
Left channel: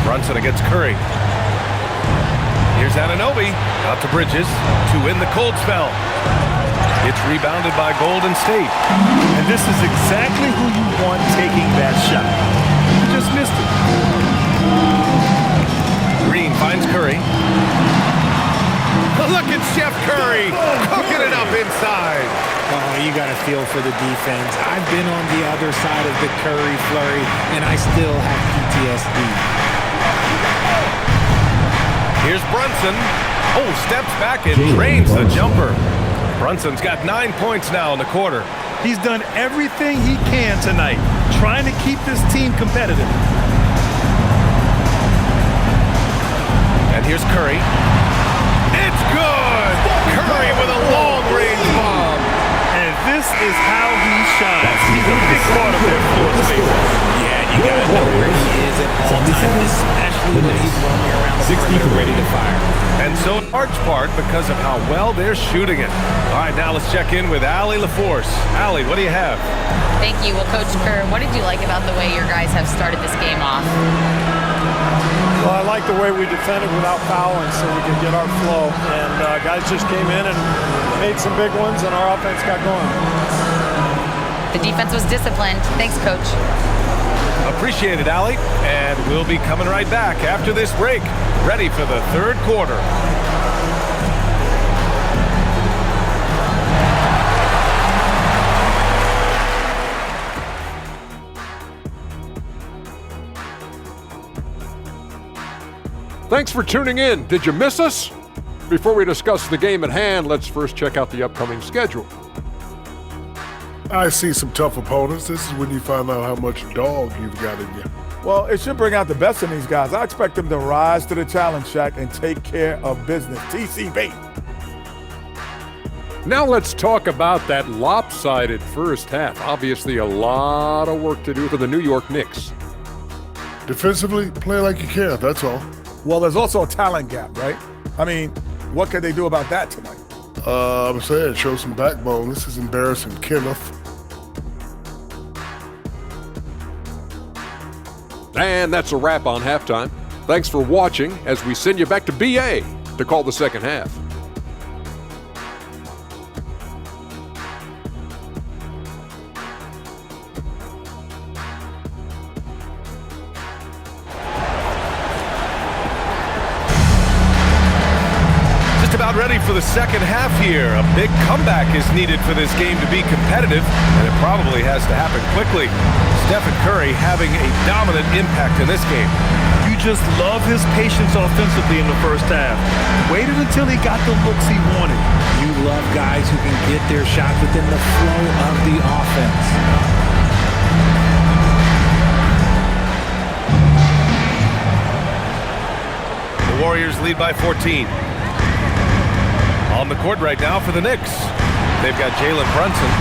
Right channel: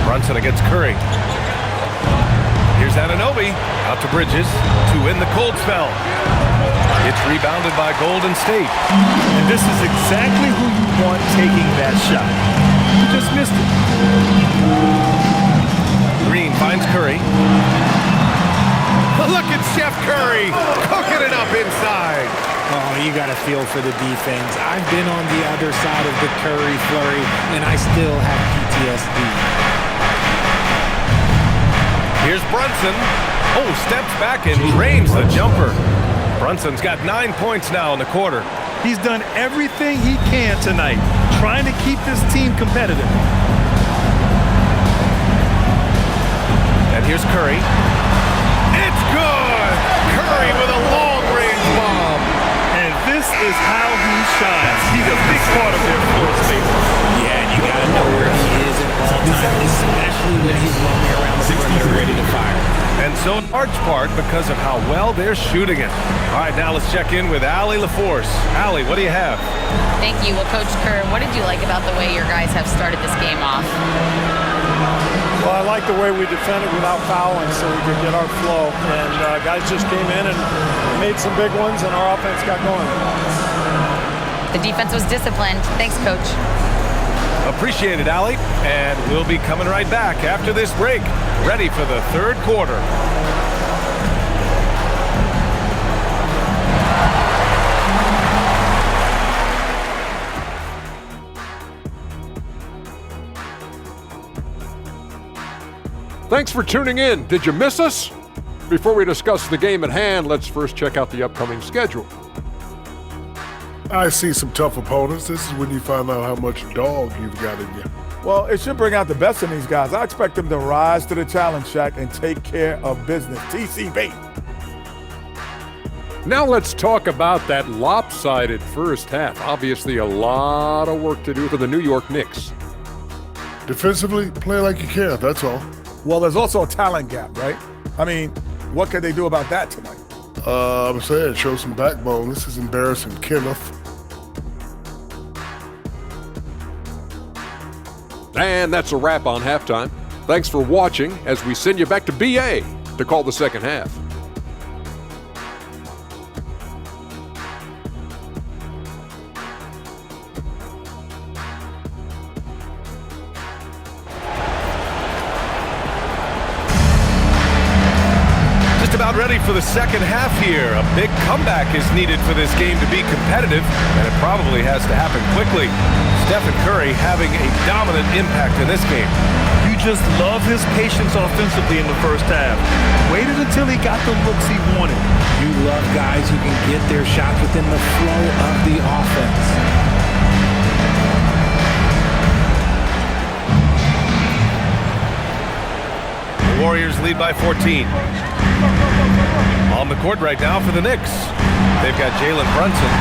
Brunson against Curry. Here's Anunoby. Out to Bridges to win the cold spell. It's rebounded by Golden State. And this is exactly who you want taking that shot. You just missed it. Green finds Curry. Look at Chef Curry cooking it up inside. Oh, you got to feel for the defense. I've been on the other side of the Curry flurry, and I still have PTSD. Here's Brunson. Oh, steps back and drains the jumper. Brunson's got 9 points now in the quarter. He's done everything he can tonight, trying to keep this team competitive. And here's Curry. It's good! Curry with a long-range bomb. And this is how he shines. He's a big part of their floor space. Yeah, and you got to know where he is at all times, especially when he's roaming around the perimeter ready to fire. And so in large part because of how well they're shooting it. All right, now let's check in with Allie LaForce. Allie, what do you have? Thank you. Well, Coach Kerr, what did you like about the way your guys have started this game off? Well, I like the way we defended without fouling so we could get our flow. And guys just came in and made some big ones, and our offense got going. The defense was disciplined. Thanks, Coach. Appreciate it, Allie. And we'll be coming right back after this break, ready for the third quarter. Thanks for tuning in. Did you miss us? Before we discuss the game at hand, let's first check out the upcoming schedule. I see some tough opponents. This is when you find out how much dog you've got in you. Well, it should bring out the best in these guys. I expect them to rise to the challenge, Shaq, and take care of business. TCB. Now let's talk about that lopsided first half. Obviously, a lot of work to do for the New York Knicks. Defensively, play like you care, that's all. Well, there's also a talent gap, right? I mean, what can they do about that tonight? I'm saying, show some backbone. This is embarrassing, Kenneth. And that's a wrap on halftime. Thanks for watching as we send you back to BA to call the second half. Just about ready for the second half here. A big comeback is needed for this game to be competitive, and it probably has to happen quickly. Stephen Curry having a dominant impact in this game. You just love his patience offensively in the first half. Waited until he got the looks he wanted. You love guys who can get their shots within the flow of the offense. Warriors lead by 14. On the court right now for the Knicks, they've got Jalen Brunson,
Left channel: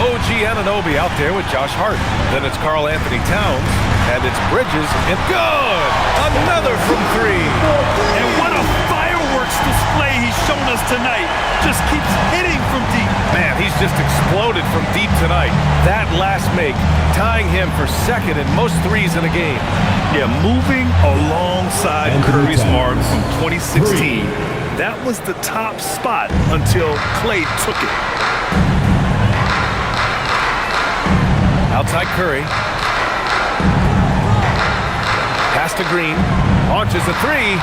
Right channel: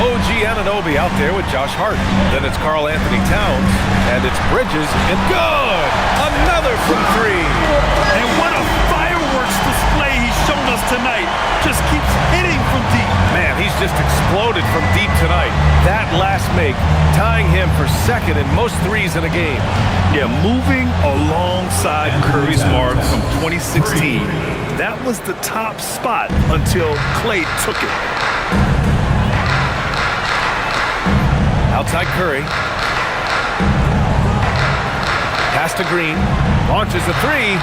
OG Anunoby out there with Josh Hart. Then it's Karl Anthony Towns, and it's Bridges, and good! Another from three. And what a fireworks display he's shown us tonight. Just keeps hitting from deep. Man, he's just exploded from deep tonight. That last make, tying him for second in most threes in a game. Yeah, moving alongside Curry's mark from 2016. That was the top spot until Klay took it. Outside Curry. Pass to Green. Launches a three.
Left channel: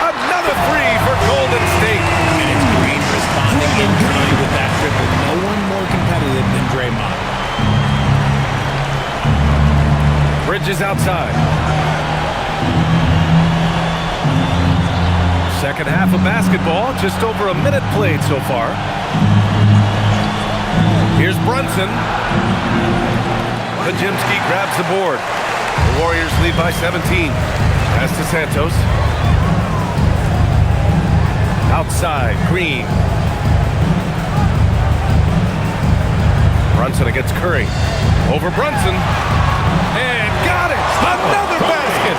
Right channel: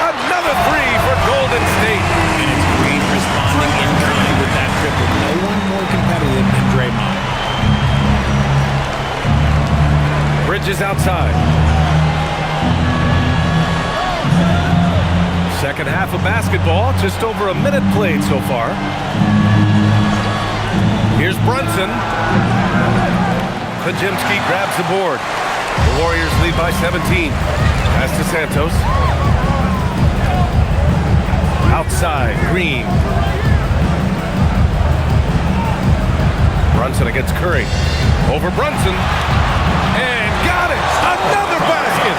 Another three for Golden State. And it's Green responding in kind with that triple. No one more competitive than Draymond. Bridges outside. Second half of basketball, just over a minute played so far. Here's Brunson. Pajemski grabs the board. The Warriors lead by 17. Pass to Santos. Outside, Green. Brunson against Curry. Over Brunson. And got it! Another basket!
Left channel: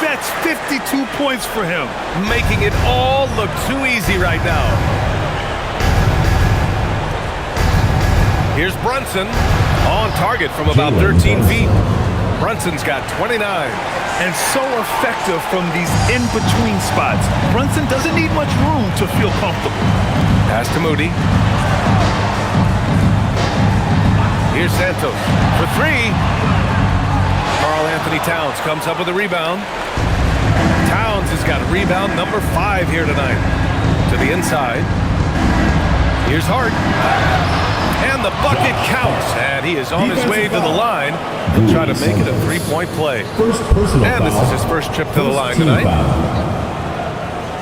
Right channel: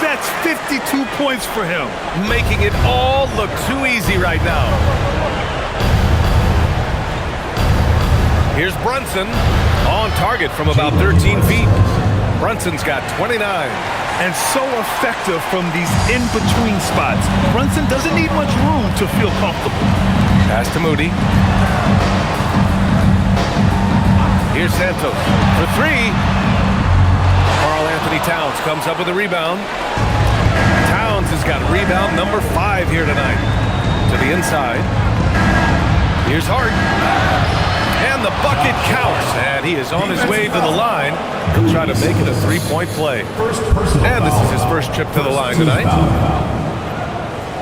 That's 52 points for him. Making it all look too easy right now. Here's Brunson. On target from about 13 feet. Brunson's got 29. And so effective from these in-between spots. Brunson doesn't need much room to feel comfortable. Pass to Moody. Here's Santos for three. Karl Anthony Towns comes up with a rebound. Towns has got rebound number 5 here tonight. To the inside. Here's Hart. And the bucket counts. And he is on his way to the line. He'll try to make it a three-point play. And this is his first trip to the line tonight.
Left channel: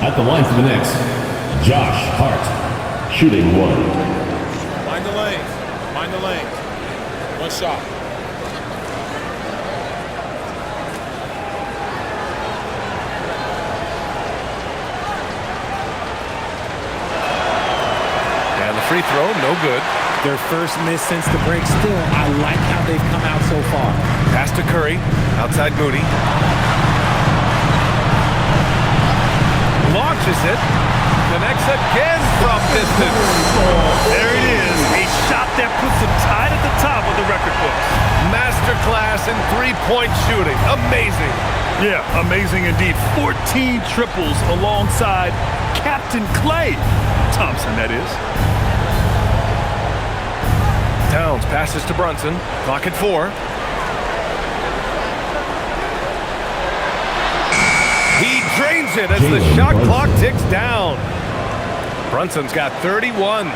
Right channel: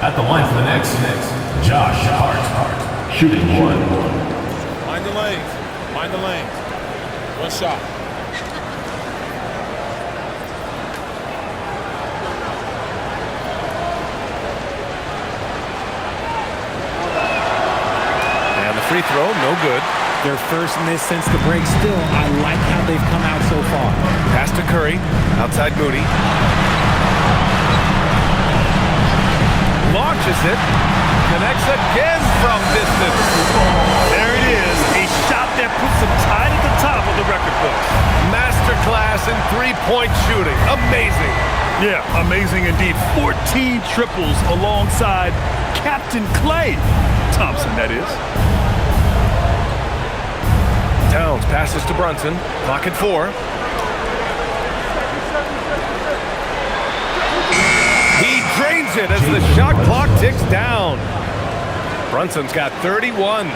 At the line for the Knicks, Josh Hart, shooting one. Mind the lanes. Mind the lanes. One shot. And the free throw, no good. Their first miss since the break. Still, I like how they've come out so far. Pass to Curry. Outside Moody. Launches it. Connects again from distance. There it is. A shot that puts him tied at the top of the record books. Masterclass in three-point shooting. Amazing. Yeah, amazing indeed. 14 triples alongside Captain Klay Thompson, that is. Towns passes to Brunson. Clock at 4. He drains it as the shot clock ticks down. Brunson's got 31.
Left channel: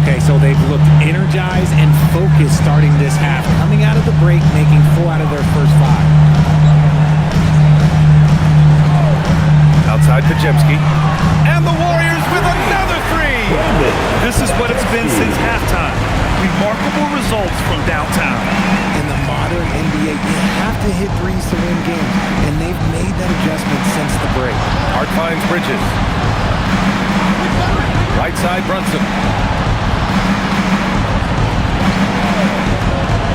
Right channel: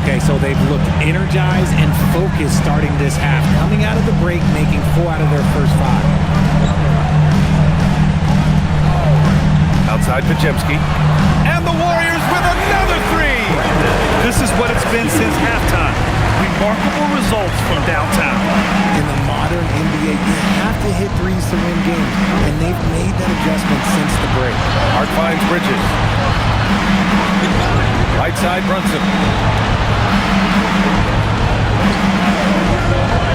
Okay, so they've looked energized and focused starting this half. Coming out of the break, making 4 out of their first 5. Outside Pajemski. And the Warriors with another 3. This is what it's been since halftime. Remarkable results from downtown. In the modern NBA, you have to hit threes to win games, and they've made that adjustment since the break. Hart finds Bridges. Right side, Brunson.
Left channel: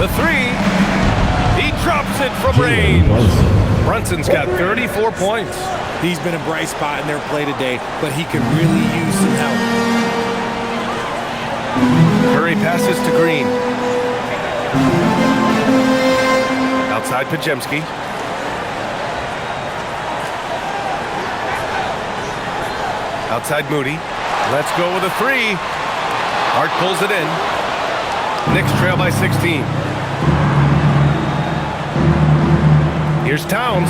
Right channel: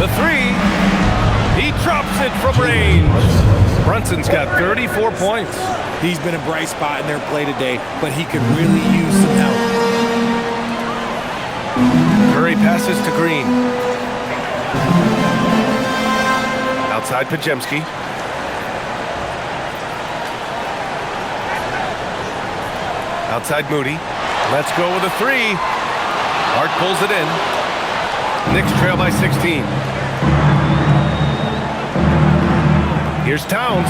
The 3. He drops it from range. Brunson's got 34 points. He's been a bright spot in their play today, but he could really use some help. Curry passes to Green. Outside Pajemski. Outside Moody. Let's go with a 3. Hart pulls it in. Knicks trail by 16. Here's Towns.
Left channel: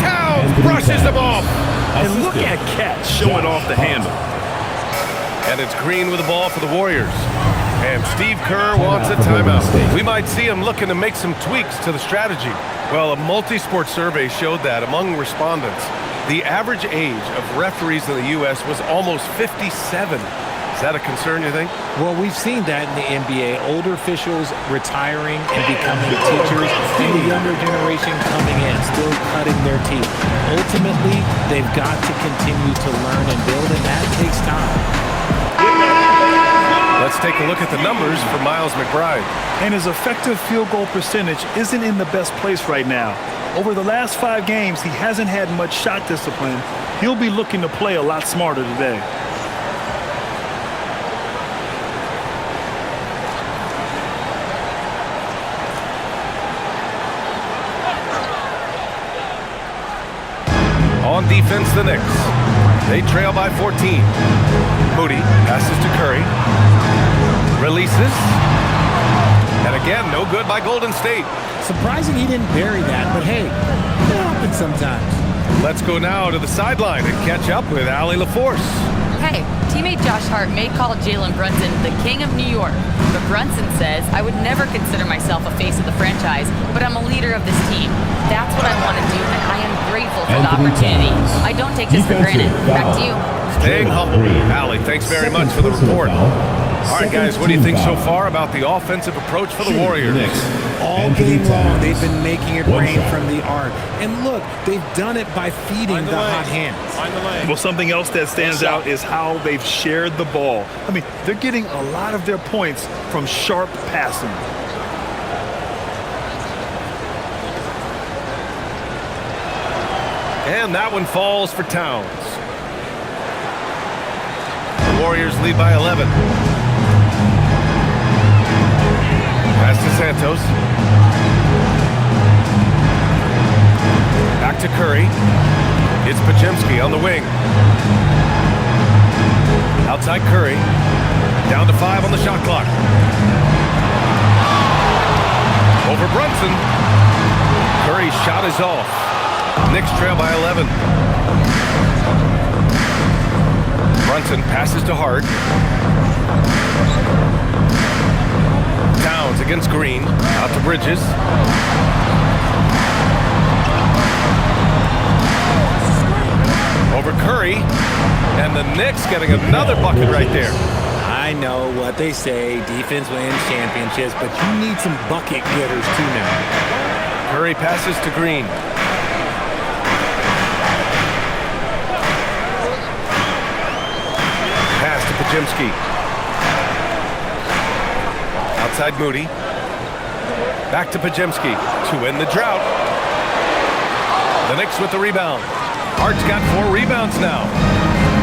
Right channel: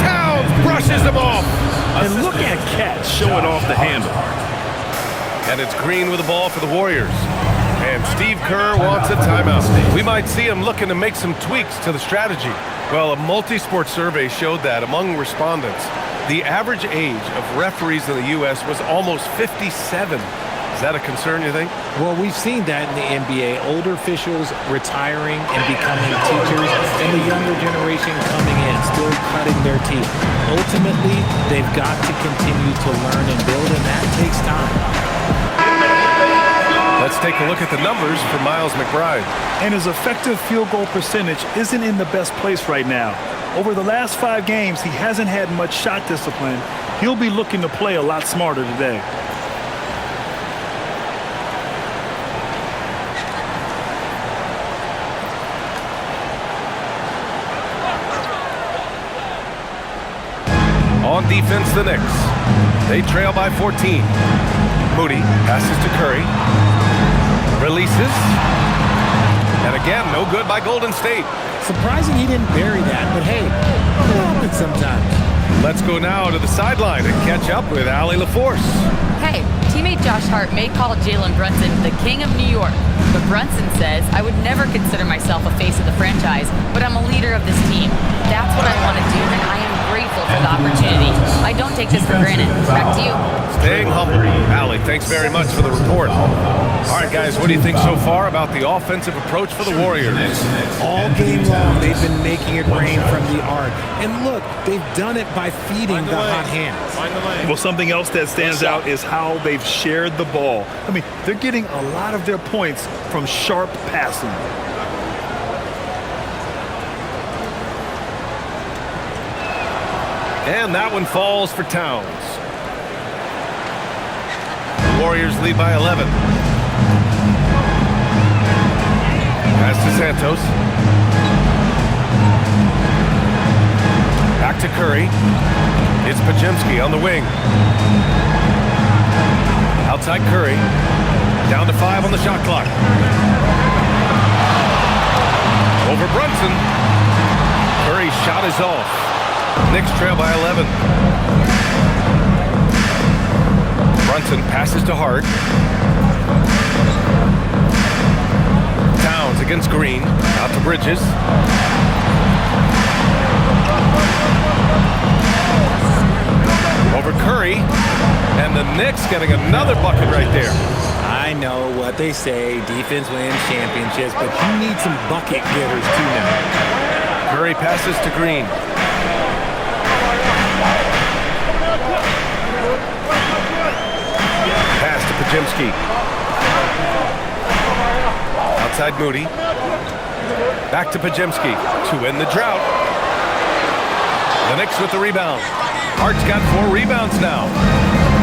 Towns brushes him off. And look at Cat showing off the handle. And it's Green with the ball for the Warriors. And Steve Kerr wants a timeout. We might see him looking to make some tweaks to the strategy. Well, a multi-sport survey showed that among respondents, the average age of referees in the U.S. was almost 57. Is that a concern, you think? Well, we've seen that in the NBA. Older officials retiring and becoming teachers, and the younger generation coming in, still cutting their teeth. Ultimately, they've got to continue to learn and build, and that takes time. Let's take a look at the numbers for Miles McBride. And his effective field goal percentage isn't in the best place right now. Over the last 5 games, he hasn't had much shot discipline. He'll be looking to play a lot smarter today. On defense, the Knicks. They trail by 14. Moody passes to Curry. Releases. And again, no good by Golden State. Surprising he didn't bury that, but hey, it happens sometimes. Let's go now to the sideline and catch up with Allie LaForce. Hey, teammate Josh Hart may call Jalen Brunson the king of New York, but Brunson says, I would never consider myself a face of the franchise, but I'm a leader of this team. That's what I want to do, and I am grateful for the opportunity. I don't take this for granted. Back to you. Staying humble. Allie, thanks very much for the report. All right, guys, what do you think so far about the offensive approach for the Warriors? All game long, they've been making it rain from the arc. And look, they've done it by feeding the hot hands. Well, something else that stands out is how they've shared the ball. I mean, they're getting a lot of their points from sharp passing. And that one falls for Towns. The Warriors lead by 11. Pass to Santos. Back to Curry. It's Podziemski on the wing. Outside Curry. Down to 5 on the shot clock. Over Brunson. Curry's shot is off. Knicks trail by 11. Brunson passes to Hart. Towns against Green. Out to Bridges. Over Curry. And the Knicks getting another bucket right there. I know what they say, defense wins championships, but you need some bucket getters too now. Curry passes to Green. Pass to Podziemski. Outside Moody. Back to Podziemski to end the drought. The Knicks with the rebound. Hart's got 4 rebounds now.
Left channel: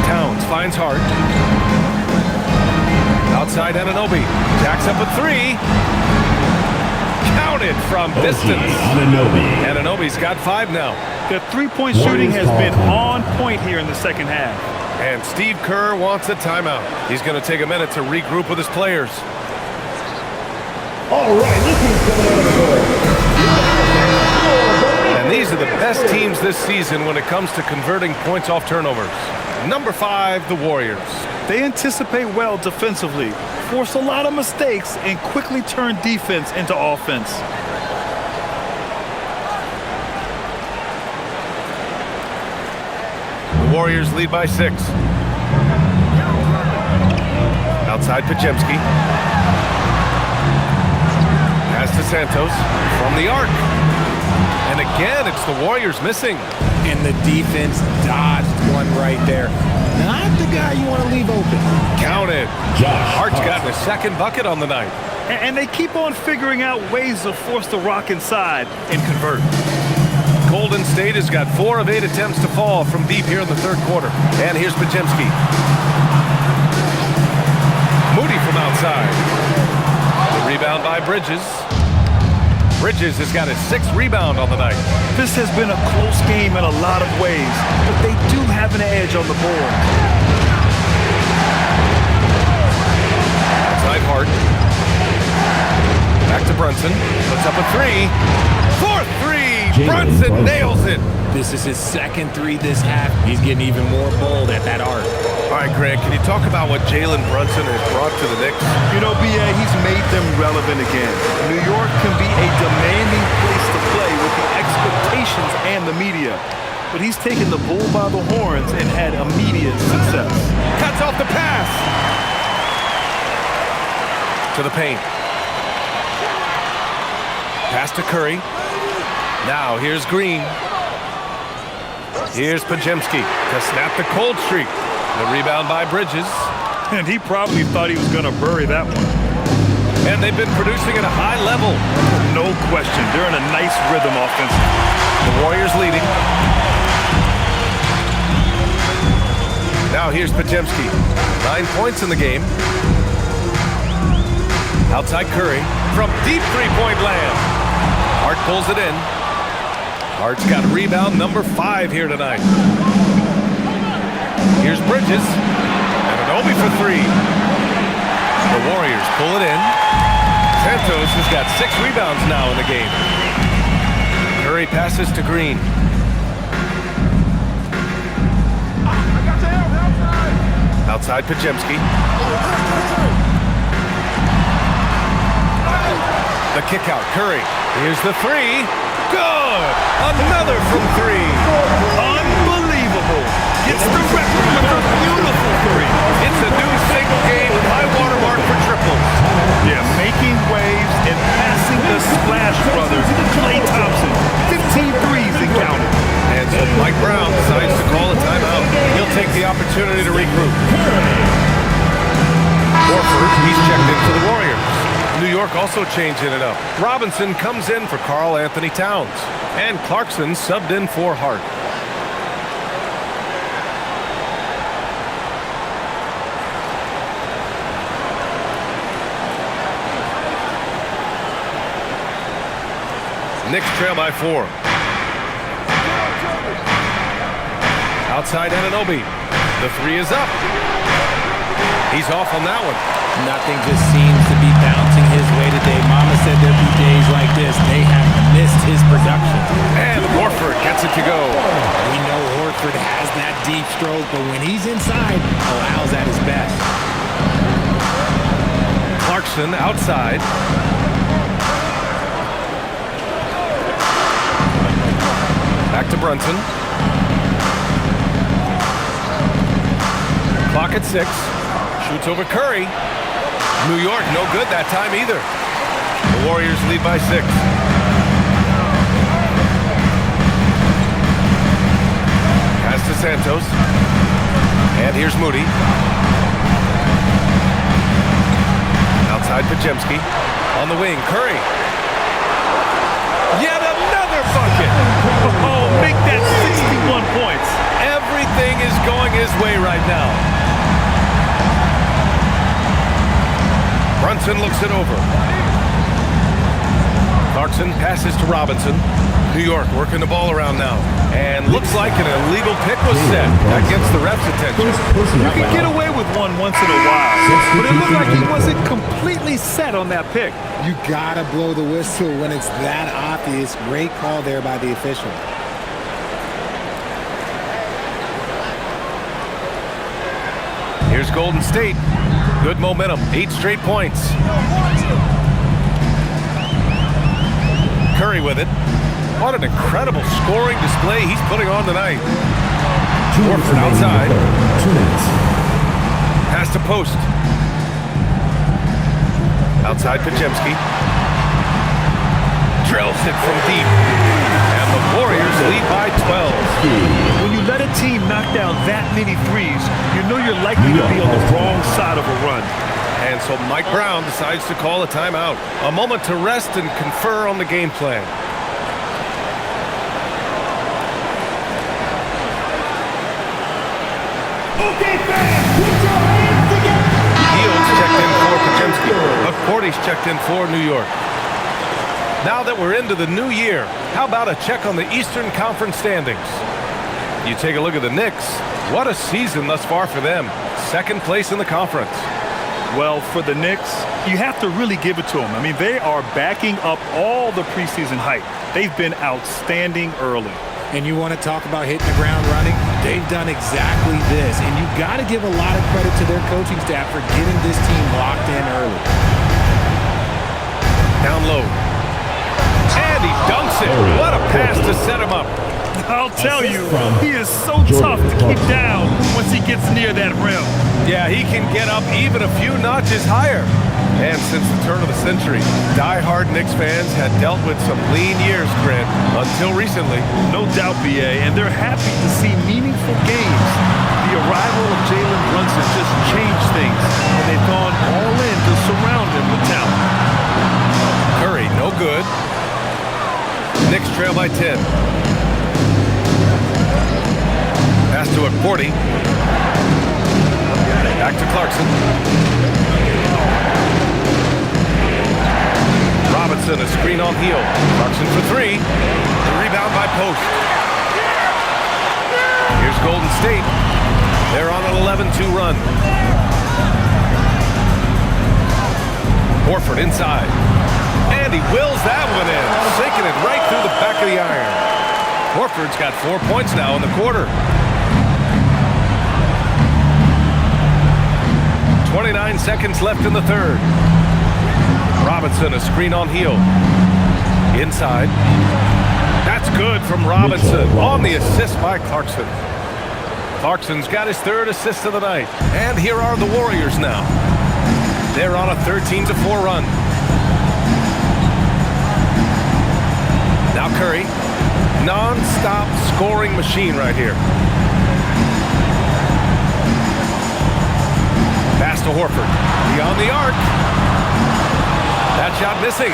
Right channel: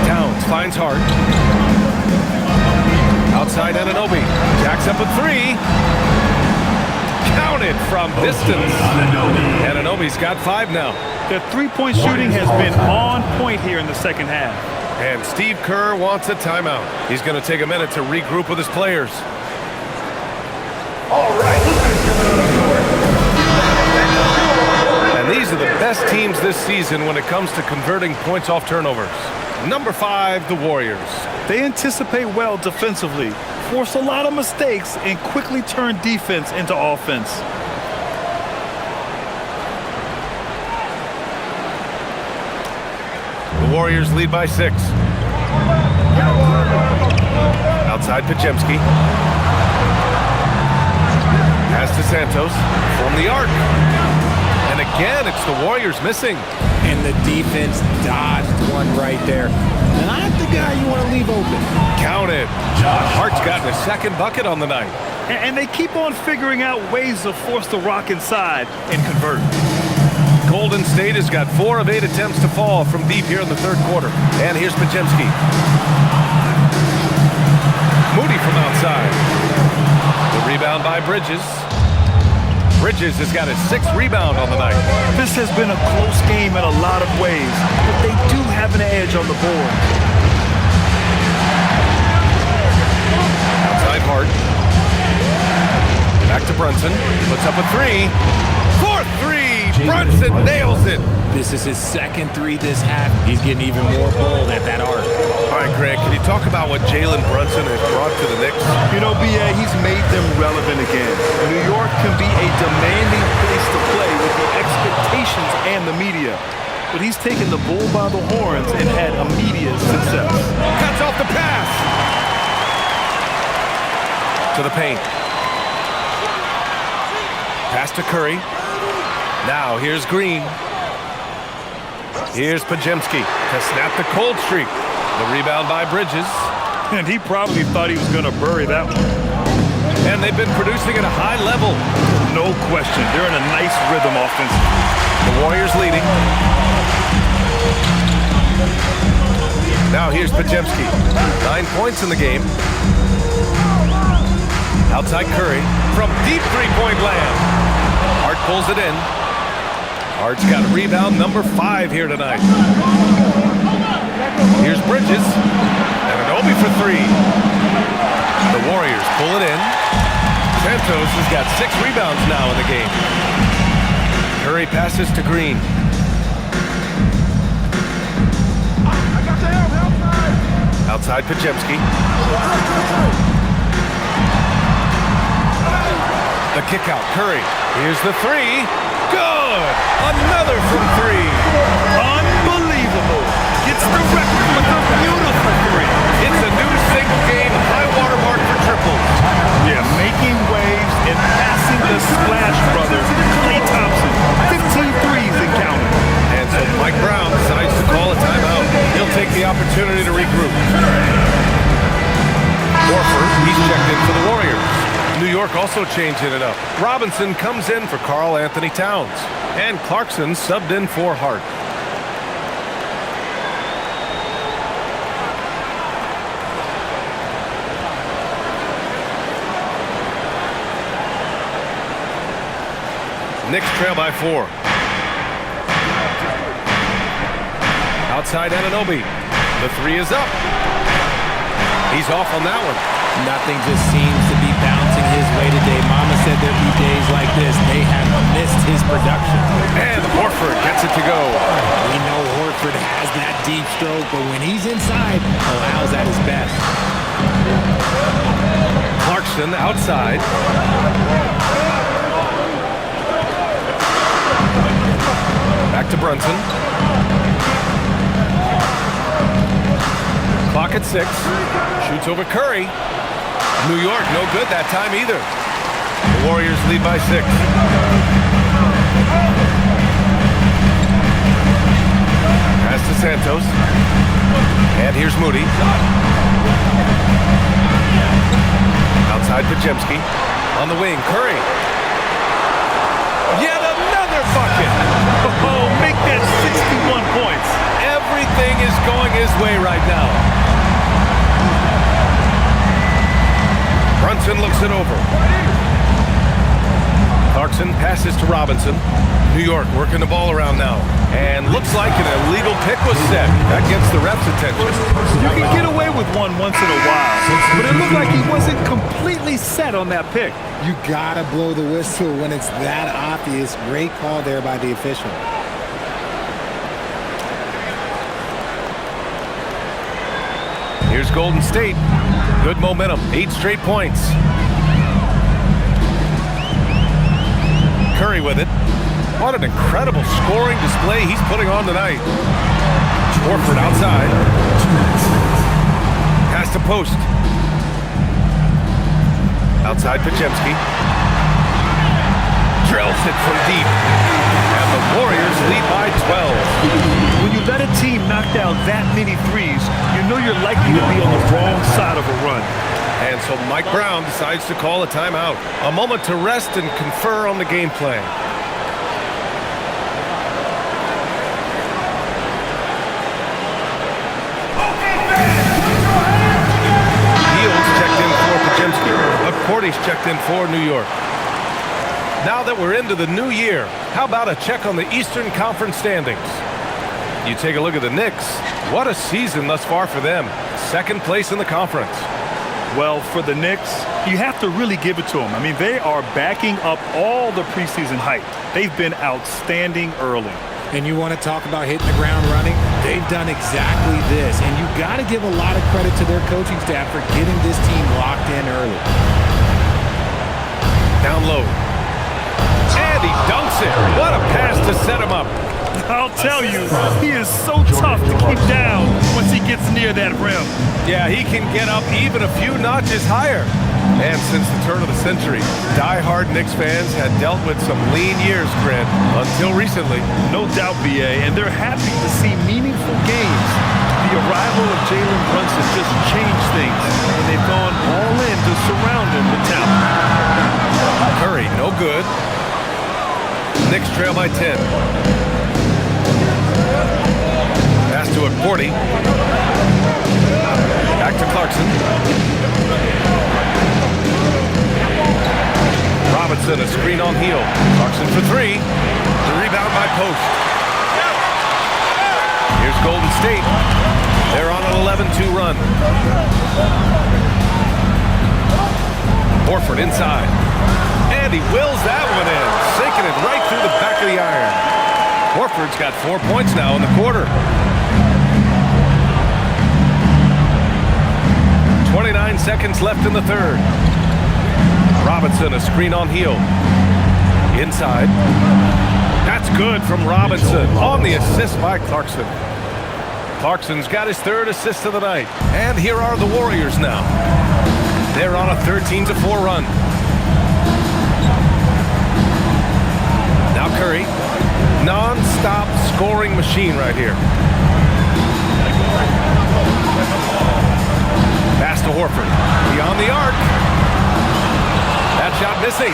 Towns finds Hart. Outside Anunoby. Jacks up a 3. Counted from distance. Anunoby's got 5 now. Their three-point shooting has been on point here in the second half. And Steve Kerr wants a timeout. He's going to take a minute to regroup with his players. All right, and these are the best teams this season when it comes to converting points off turnovers. Number 5, the Warriors. They anticipate well defensively, force a lot of mistakes, and quickly turn defense into offense. The Warriors lead by 6. Outside Podziemski. Pass to Santos from the arc. And again, it's the Warriors missing. And the defense dodged one right there. Not the guy you want to leave open. Counted. Hart's gotten a second bucket on the night. And they keep on figuring out ways to force the rock inside and convert. Golden State has got 4 of 8 attempts to fall from deep here in the third quarter. And here's Podziemski. Moody from outside. The rebound by Bridges. Bridges has got his 6th rebound on the night. This has been a close game in a lot of ways, but they do have an edge on the board. Outside Hart. Back to Brunson. Puts up a 3. 4th 3. Brunson nails it. This is his second 3 this half. He's getting even more bold at that arc. All right, Greg, can you talk about what Jalen Brunson has brought to the Knicks? You know, B.A., he's made them relevant again. New York can be a demanding place to play with the expectations and the media. But he's taken the bull by the horns and had immediate success. Cuts off the pass. To the paint. Pass to Curry. Now here's Green. Here's Pajemski to snap the cold streak. The rebound by Bridges. And he probably thought he was going to bury that one. And they've been producing at a high level. No question. They're in a nice rhythm offensively. The Warriors leading. Now here's Pajemski. 9 points in the game. Outside Curry from deep three-point land. Hart pulls it in. Hart's got rebound number 5 here tonight. Here's Bridges. And an Obi for 3. The Warriors pull it in. Santos has got 6 rebounds now in the game. Curry passes to Green. Outside Pajemski. The kick out, Curry. Here's the 3. Good! Another from 3. Unbelievable. Gets the record with a beautiful 3. It's a new single-game high water mark for triples. Yeah, making waves and passing the Splash Brothers, Klay Thompson. 15 threes and counting. And so Mike Brown decides to call a timeout. He'll take the opportunity to regroup. Horford, he's checked in for the Warriors. New York also changing it up. Robinson comes in for Karl Anthony Towns. And Clarkson subbed in for Hart. Knicks trail by 4. Outside Anunoby. The 3 is up. He's off on that one. Nothing just seems to be bouncing his way today. Mama said there'd be days like this. They have missed his production. And Horford gets it to go. We know Horford has that deep stroke, but when he's inside, Al's at his best. Clarkson outside. Back to Brunson. Clock at 6. Shoots over Curry. New York, no good that time either. The Warriors lead by 6. Pass to Santos. And here's Moody. Outside Pajemski. On the wing, Curry. Yet another bucket. Oh, make that 61 points. Everything is going his way right now. Brunson looks it over. Clarkson passes to Robinson. New York working the ball around now. And looks like an illegal pick was set. That gets the ref's attention. You can get away with one once in a while, but it looked like he wasn't completely set on that pick. You gotta blow the whistle when it's that obvious. Great call there by the official. Here's Golden State. Good momentum, 8 straight points. Curry with it. What an incredible scoring display he's putting on tonight. Horford outside. Pass to post. Outside Pajemski. Drills it from deep. And the Warriors lead by 12. When you let a team knock down that many threes, you know you're likely to be on the wrong side of a run. And so Mike Brown decides to call a timeout. A moment to rest and confer on the game plan. Okay, fans, put your hands together. Fields checked in for Pajemski. McCourty's checked in for New York. Now that we're into the new year, how about a check on the Eastern Conference standings? You take a look at the Knicks. What a season thus far for them. 2nd place in the conference. Well, for the Knicks, you have to really give it to them. I mean, they are backing up all the preseason hype. They've been outstanding early. And you want to talk about hitting the ground running? They've done exactly this. And you got to give a lot of credit to their coaching staff for getting this team locked in early. Down low. And he dunks it. What a pass to set him up. I'll tell you, he is so tough to keep down once he gets near that rim. Yeah, he can get up even a few notches higher. And since the turn of the century, die-hard Knicks fans had dealt with some lean years, Grant, until recently. No doubt, BA, and they're happy to see meaningful games. The arrival of Jalen Brunson just changed things, and they've gone all in to surround him with talent. Curry, no good. Knicks trail by 10. Pass to Cordy. Back to Clarkson. Robinson, a screen on heel. Clarkson for three. The rebound by Post. Here's Golden State. They're on an 11-2 run. Horford inside. And he wills that one in, sinking it right through the back of the iron. Horford's got 4 points now in the quarter. 29 seconds left in the third. Robinson, a screen on heel. Inside. That's good from Robinson on the assist by Clarkson. Clarkson's got his third assist of the night. And here are the Warriors now. They're on a 13-4 run. Now Curry, non-stop scoring machine right here. Pass to Horford, beyond the arc. That shot missing.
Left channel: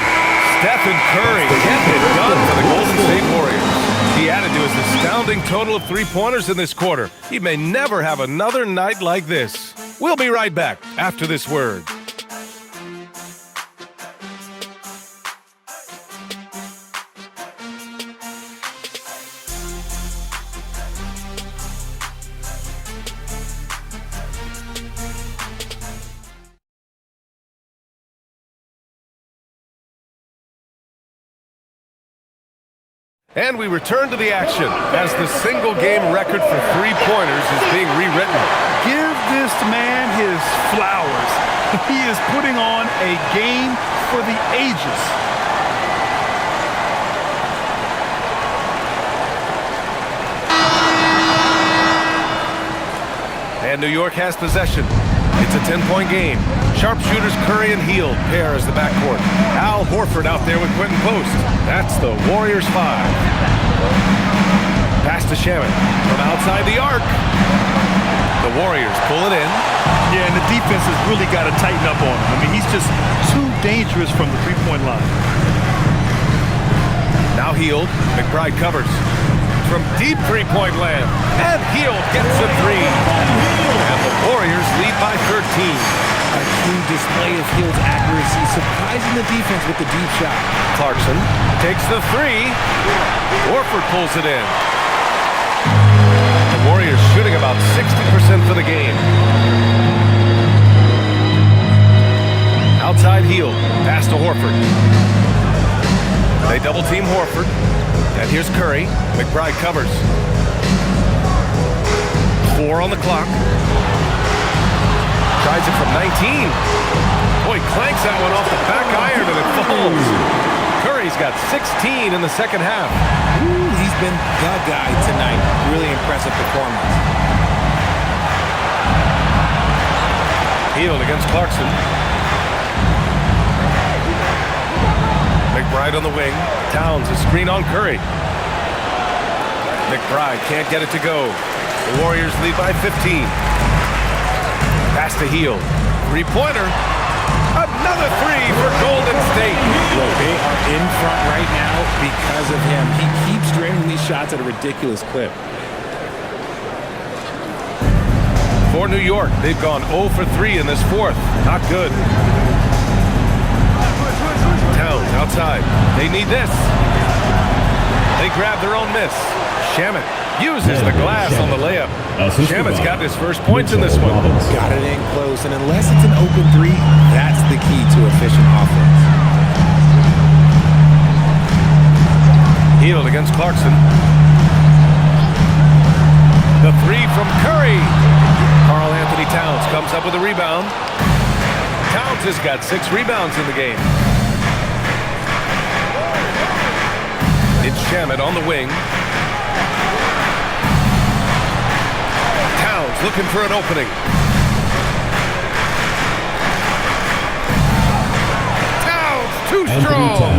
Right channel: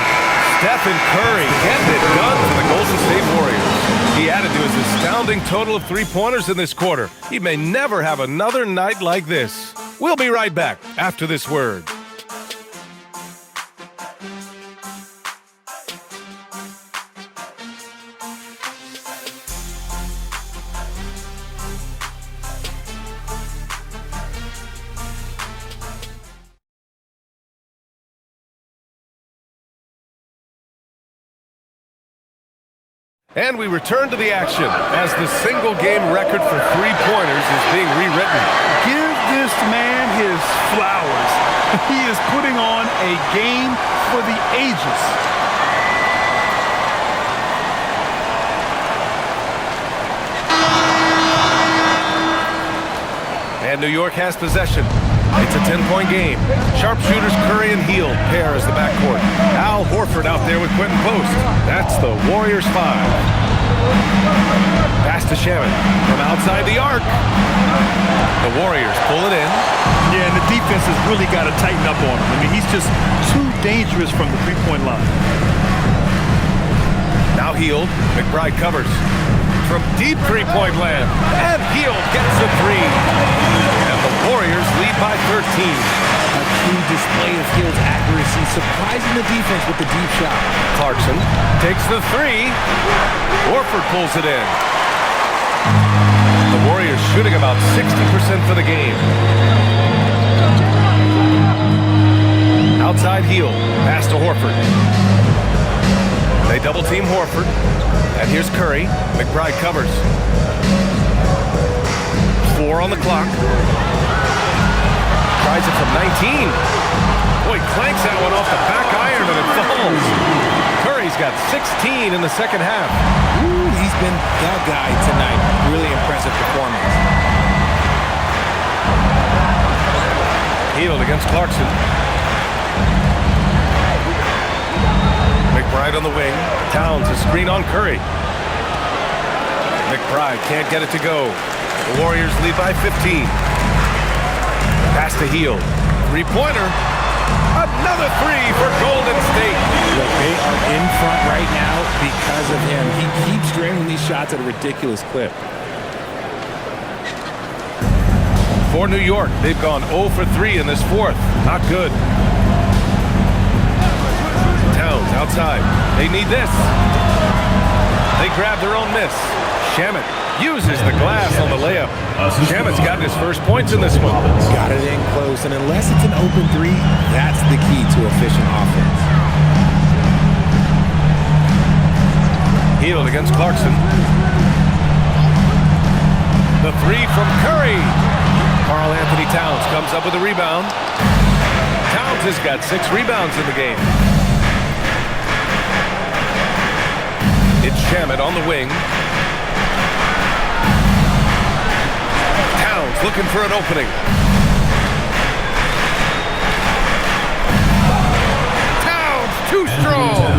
Stephen Curry getting it done for the Golden State Warriors. He added to his astounding total of three-pointers in this quarter. He may never have another night like this. We'll be right back after this word. And we return to the action as the single-game record for three-pointers is being rewritten. Give this man his flowers. He is putting on a game for the ages. And New York has possession. It's a 10-point game. Sharpshooters Curry and Hield pair as the backcourt. Al Horford out there with Quentin Post. That's the Warriors 5. Pass to Shaman from outside the arc. The Warriors pull it in. Yeah, and the defense has really got to tighten up on him. I mean, he's just too dangerous from the three-point line. Now Hield. McBride covers. From deep three-point land. And Hield gets the three. And the Warriors lead by 13. A true display of Hield's accuracy, surprising the defense with the deep shot. Clarkson takes the three. Horford pulls it in. The Warriors shooting about 60% for the game. Outside Hield. Pass to Horford. They double-team Horford. And here's Curry. McBride covers. 4 on the clock. Tries it from 19. Boy, clanks that one off the back iron and it falls. Curry's got 16 in the second half. Ooh, he's been the guy tonight. Really impressive performance. Hield against Clarkson. McBride on the wing. Towns a screen on Curry. McBride can't get it to go. The Warriors lead by 15. Pass to Hield. Three-pointer. Another three for Golden State. Look, they are in front right now because of him. He keeps draining these shots at a ridiculous clip. For New York, they've gone 0 for 3 in this fourth. Not good. Towns outside. They need this. They grab their own miss. Shamet uses the glass on the layup. Shamet's got his first points in this one. Got it in close, and unless it's an open three, that's the key to efficient offense. Hield against Clarkson. The three from Curry. Karl Anthony Towns comes up with a rebound. Towns has got 6 rebounds in the game. It's Shamet on the wing. Towns looking for an opening. too strong.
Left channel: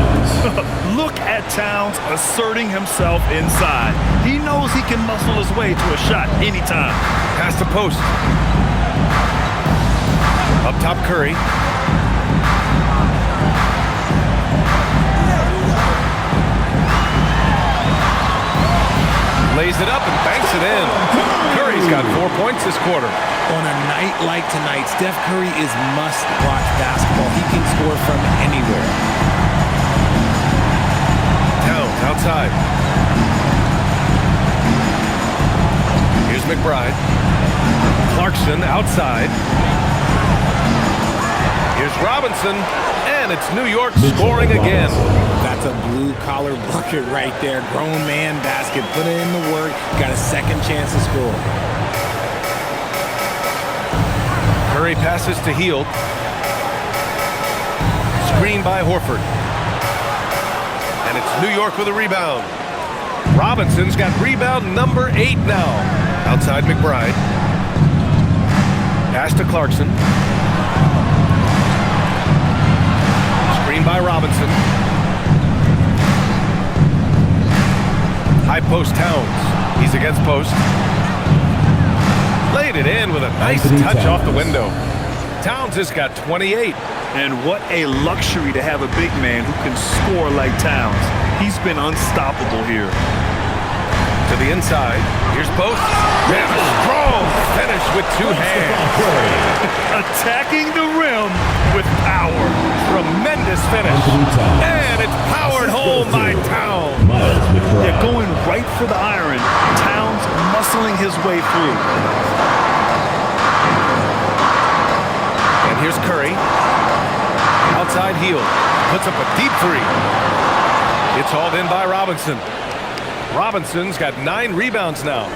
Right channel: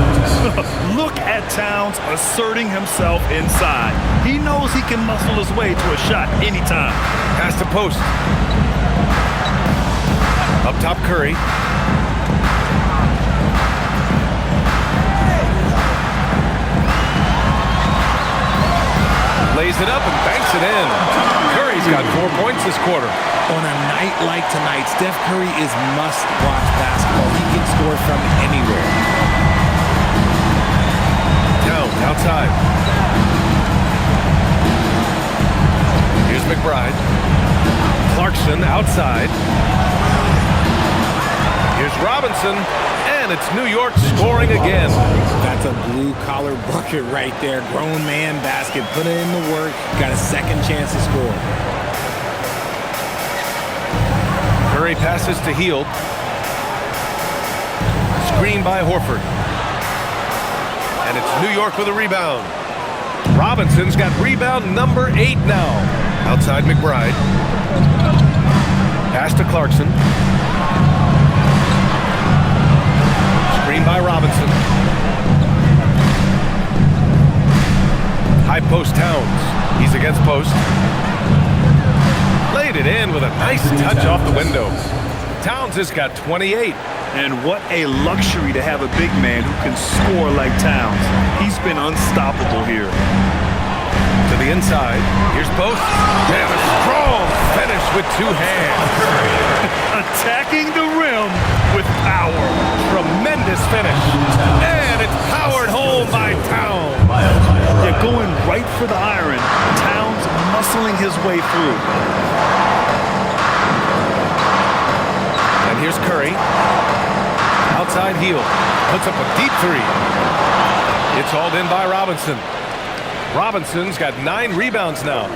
Look at Towns asserting himself inside. He knows he can muscle his way to a shot anytime. Pass to post. Up top, Curry. Lays it up and banks it in. Curry's got 4 points this quarter. On a night like tonight, Steph Curry is must-watch basketball. He can score from anywhere. Towns outside. Here's McBride. Clarkson outside. Here's Robinson, and it's New York scoring again. That's a blue-collar bucket right there. Grown man basket. Put in the work. Got a second chance to score. Curry passes to Hield. Screen by Horford. And it's New York with a rebound. Robinson's got rebound number 8 now. Outside McBride. Pass to Clarkson. Screen by Robinson. High post Towns. He's against post. Laid it in with a nice touch off the window. Towns has got 28. And what a luxury to have a big man who can score like Towns. He's been unstoppable here. To the inside. Here's post. And a strong finish with 2 hands. Attacking the rim with power. Tremendous finish. And it's powered home by Towns. Yeah, going right for the iron. Towns muscling his way through. And here's Curry. Outside Hield. Puts up a deep 3. It's hauled in by Robinson. Robinson's got 9 rebounds now.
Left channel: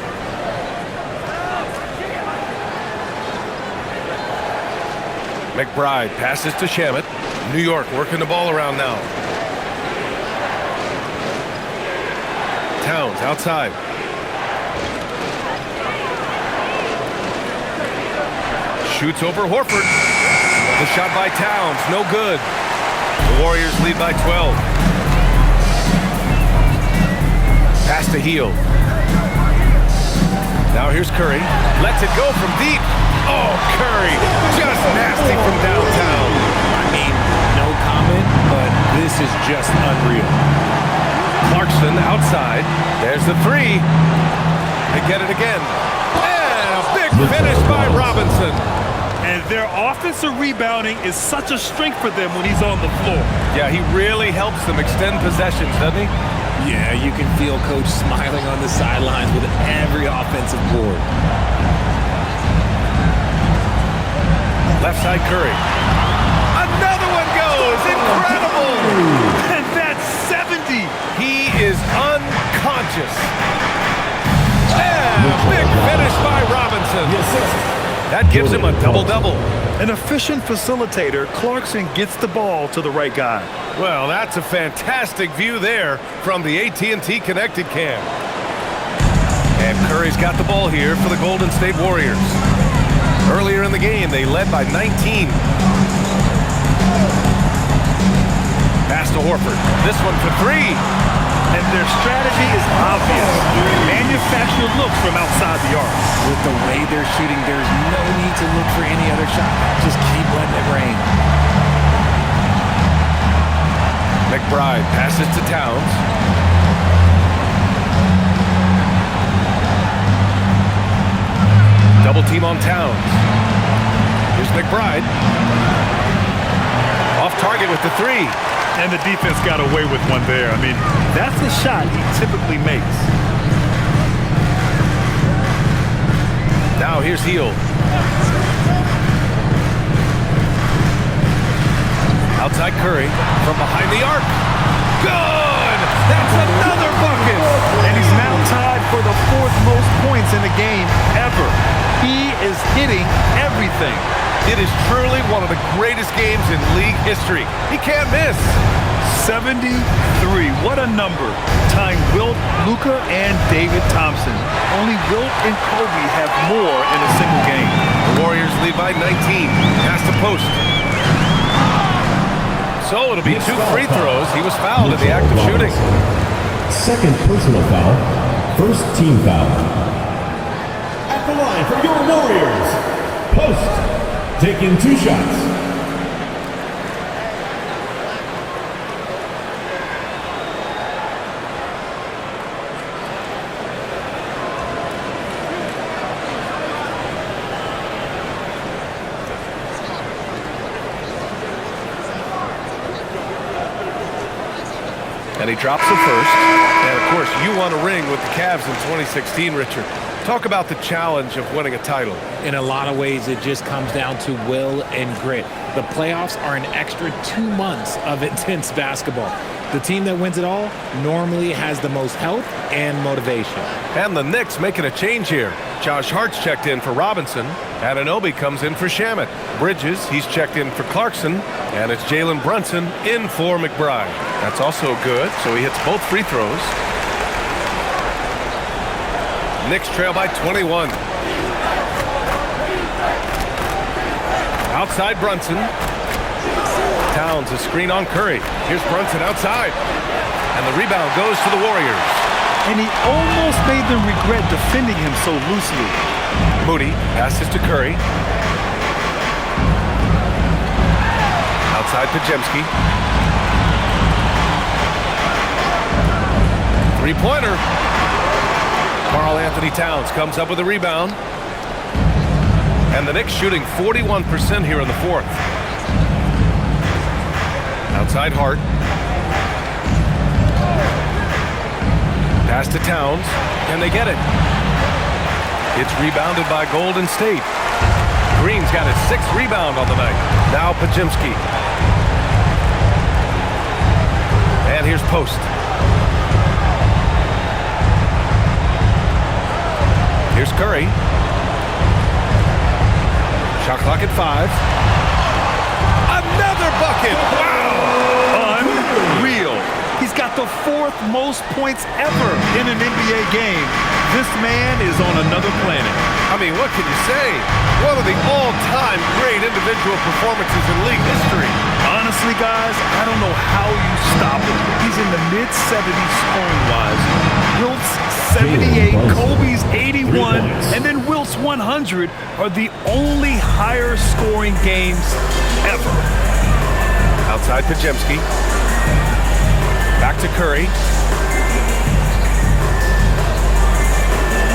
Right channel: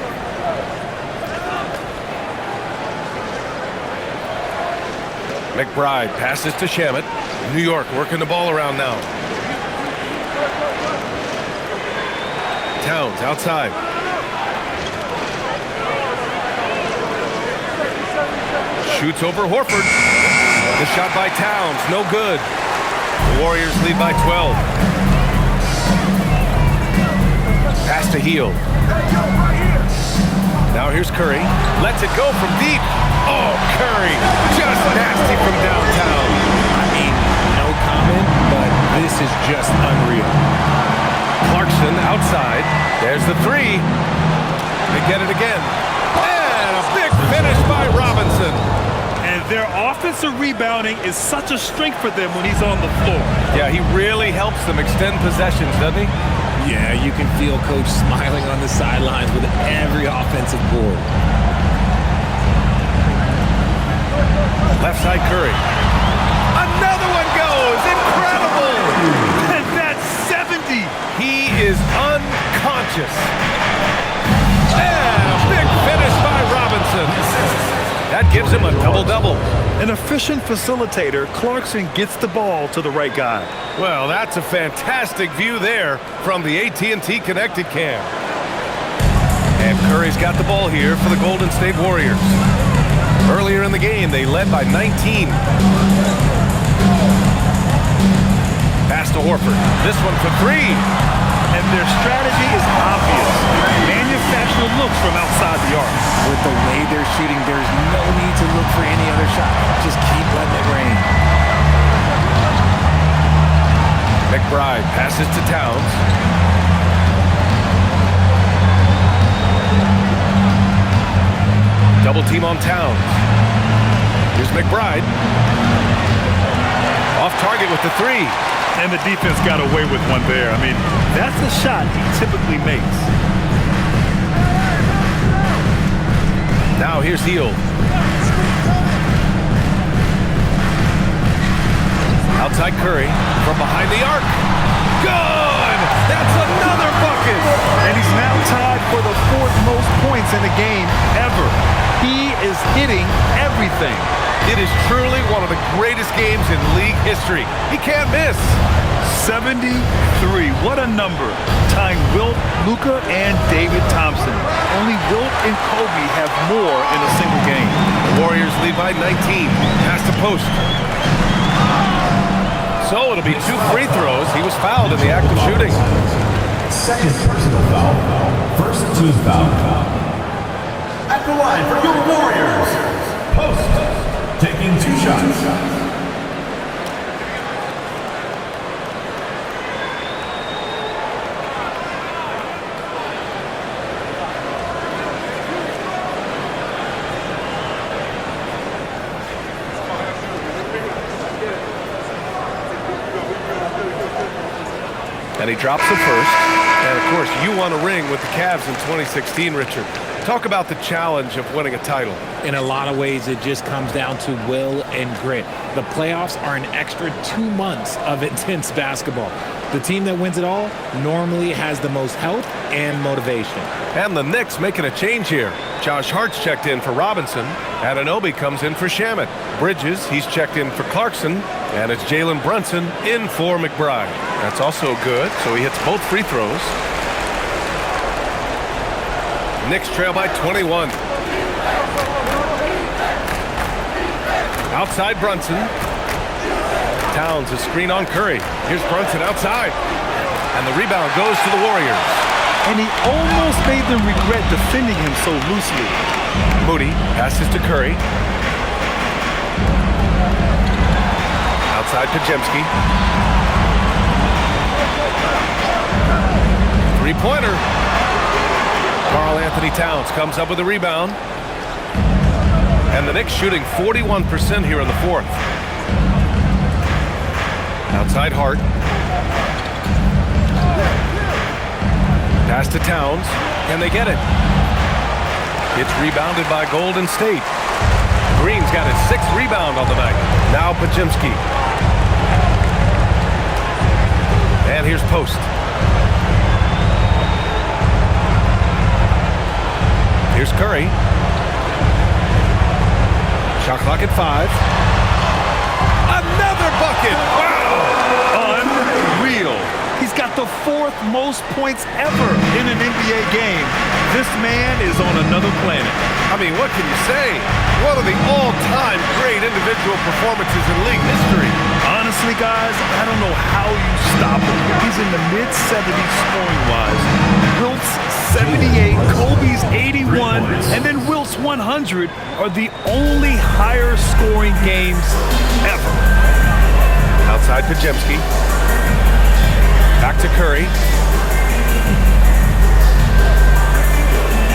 McBride passes to Shamet. New York working the ball around now. Towns outside. Shoots over Horford. The shot by Towns, no good. The Warriors lead by 12. Pass to Hield. Now here's Curry. Lets it go from deep. Oh, Curry, just nasty from downtown. I mean, no comment, but this is just unreal. Clarkson outside. There's the 3. They get it again. And a big finish by Robinson. And their offensive rebounding is such a strength for them when he's on the floor. Yeah, he really helps them extend possessions, doesn't he? Yeah, you can feel Coach smiling on the sidelines with every offensive board. Left side Curry. Another one goes. Incredible. And that's 70. He is unconscious. And a big finish by Robinson. That gives him a double-double. An efficient facilitator, Clarkson gets the ball to the right guy. Well, that's a fantastic view there from the AT&T Connected cam. And Curry's got the ball here for the Golden State Warriors. Earlier in the game, they led by 19. Pass to Horford. This one for 3. And their strategy is obvious. Manufacture looks from outside the arc. With the way they're shooting, there's no need to look for any other shot. Just keep letting it rain. McBride passes to Towns. Double team on Towns. Here's McBride. Off target with the 3. And the defense got away with one there. I mean, that's a shot he typically makes. Now here's Hield. Outside Curry from behind the arc. Good! That's another bucket! And he's now tied for the 4th most points in the game ever. He is hitting everything. It is truly one of the greatest games in league history. He can't miss. 73. What a number. Tying Wilt, Luka, and David Thompson. Only Wilt and Kobe have more in a single game. The Warriors lead by 19. Pass to post. So it'll be 2 free throws. He was fouled in the act of shooting. Second personal foul. First team foul. At the line for your Warriors. Post. Taking 2 shots. And he drops the first. And, of course, you won a ring with the Cavs in 2016, Richard. Talk about the challenge of winning a title. In a lot of ways, it just comes down to will and grit. The playoffs are an extra 2 months of intense basketball. The team that wins it all normally has the most health and motivation. And the Knicks making a change here. Josh Hart's checked in for Robinson. Anunoby comes in for Shamet. Bridges, he's checked in for Clarkson. And it's Jalen Brunson in for McBride. That's also good, so he hits both free throws. Knicks trail by 21. Outside Brunson. Towns a screen on Curry. Here's Brunson outside. And the rebound goes to the Warriors. And he almost made them regret defending him so loosely. Moody passes to Curry. Outside Pajemski. Three-pointer. Karl Anthony Towns comes up with a rebound. And the Knicks shooting 41% here in the fourth. Outside Hart. Pass to Towns. Can they get it? It's rebounded by Golden State. Green's got his 6th rebound on the night. Now Pajemski. And here's Post. Here's Curry. Shot clock at 5. Another bucket! Wow! Unreal. He's got the 4th most points ever in an NBA game. This man is on another planet. I mean, what can you say? One of the all-time great individual performances in league history. Honestly, guys, I don't know how you stop him. He's in the mid-70s scoring-wise. Wilt's 78, Kobe's 81, and then Wilt's 100 are the only higher scoring games ever. Outside Pajemski. Back to Curry.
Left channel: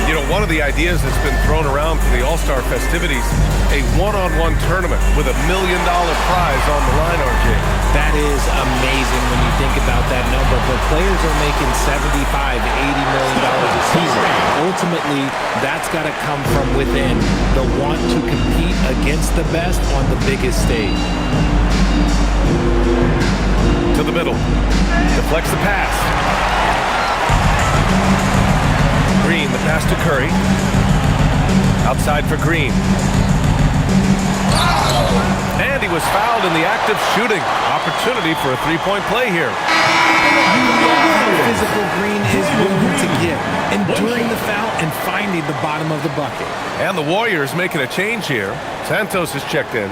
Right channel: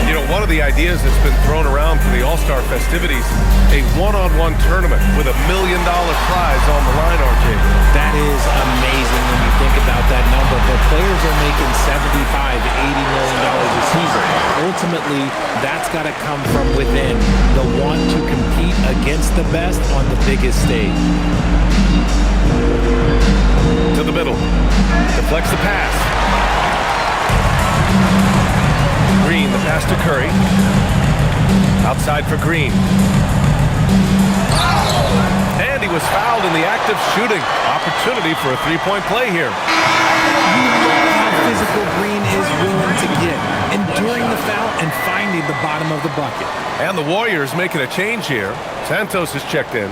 You know, one of the ideas that's been thrown around for the All-Star festivities, a one-on-one tournament with $1 million prize on the line, RJ. That is amazing when you think about that number, but players are making $75, $80 million a season. Ultimately, that's got to come from within, the want to compete against the best on the biggest stage. To the middle. Deflects the pass. Green, the pass to Curry. Outside for Green. And he was fouled in the act of shooting. Opportunity for a three-point play here. You love how physical Green is willing to get, enduring the foul and finding the bottom of the bucket. And the Warriors making a change here. Santos is checked in.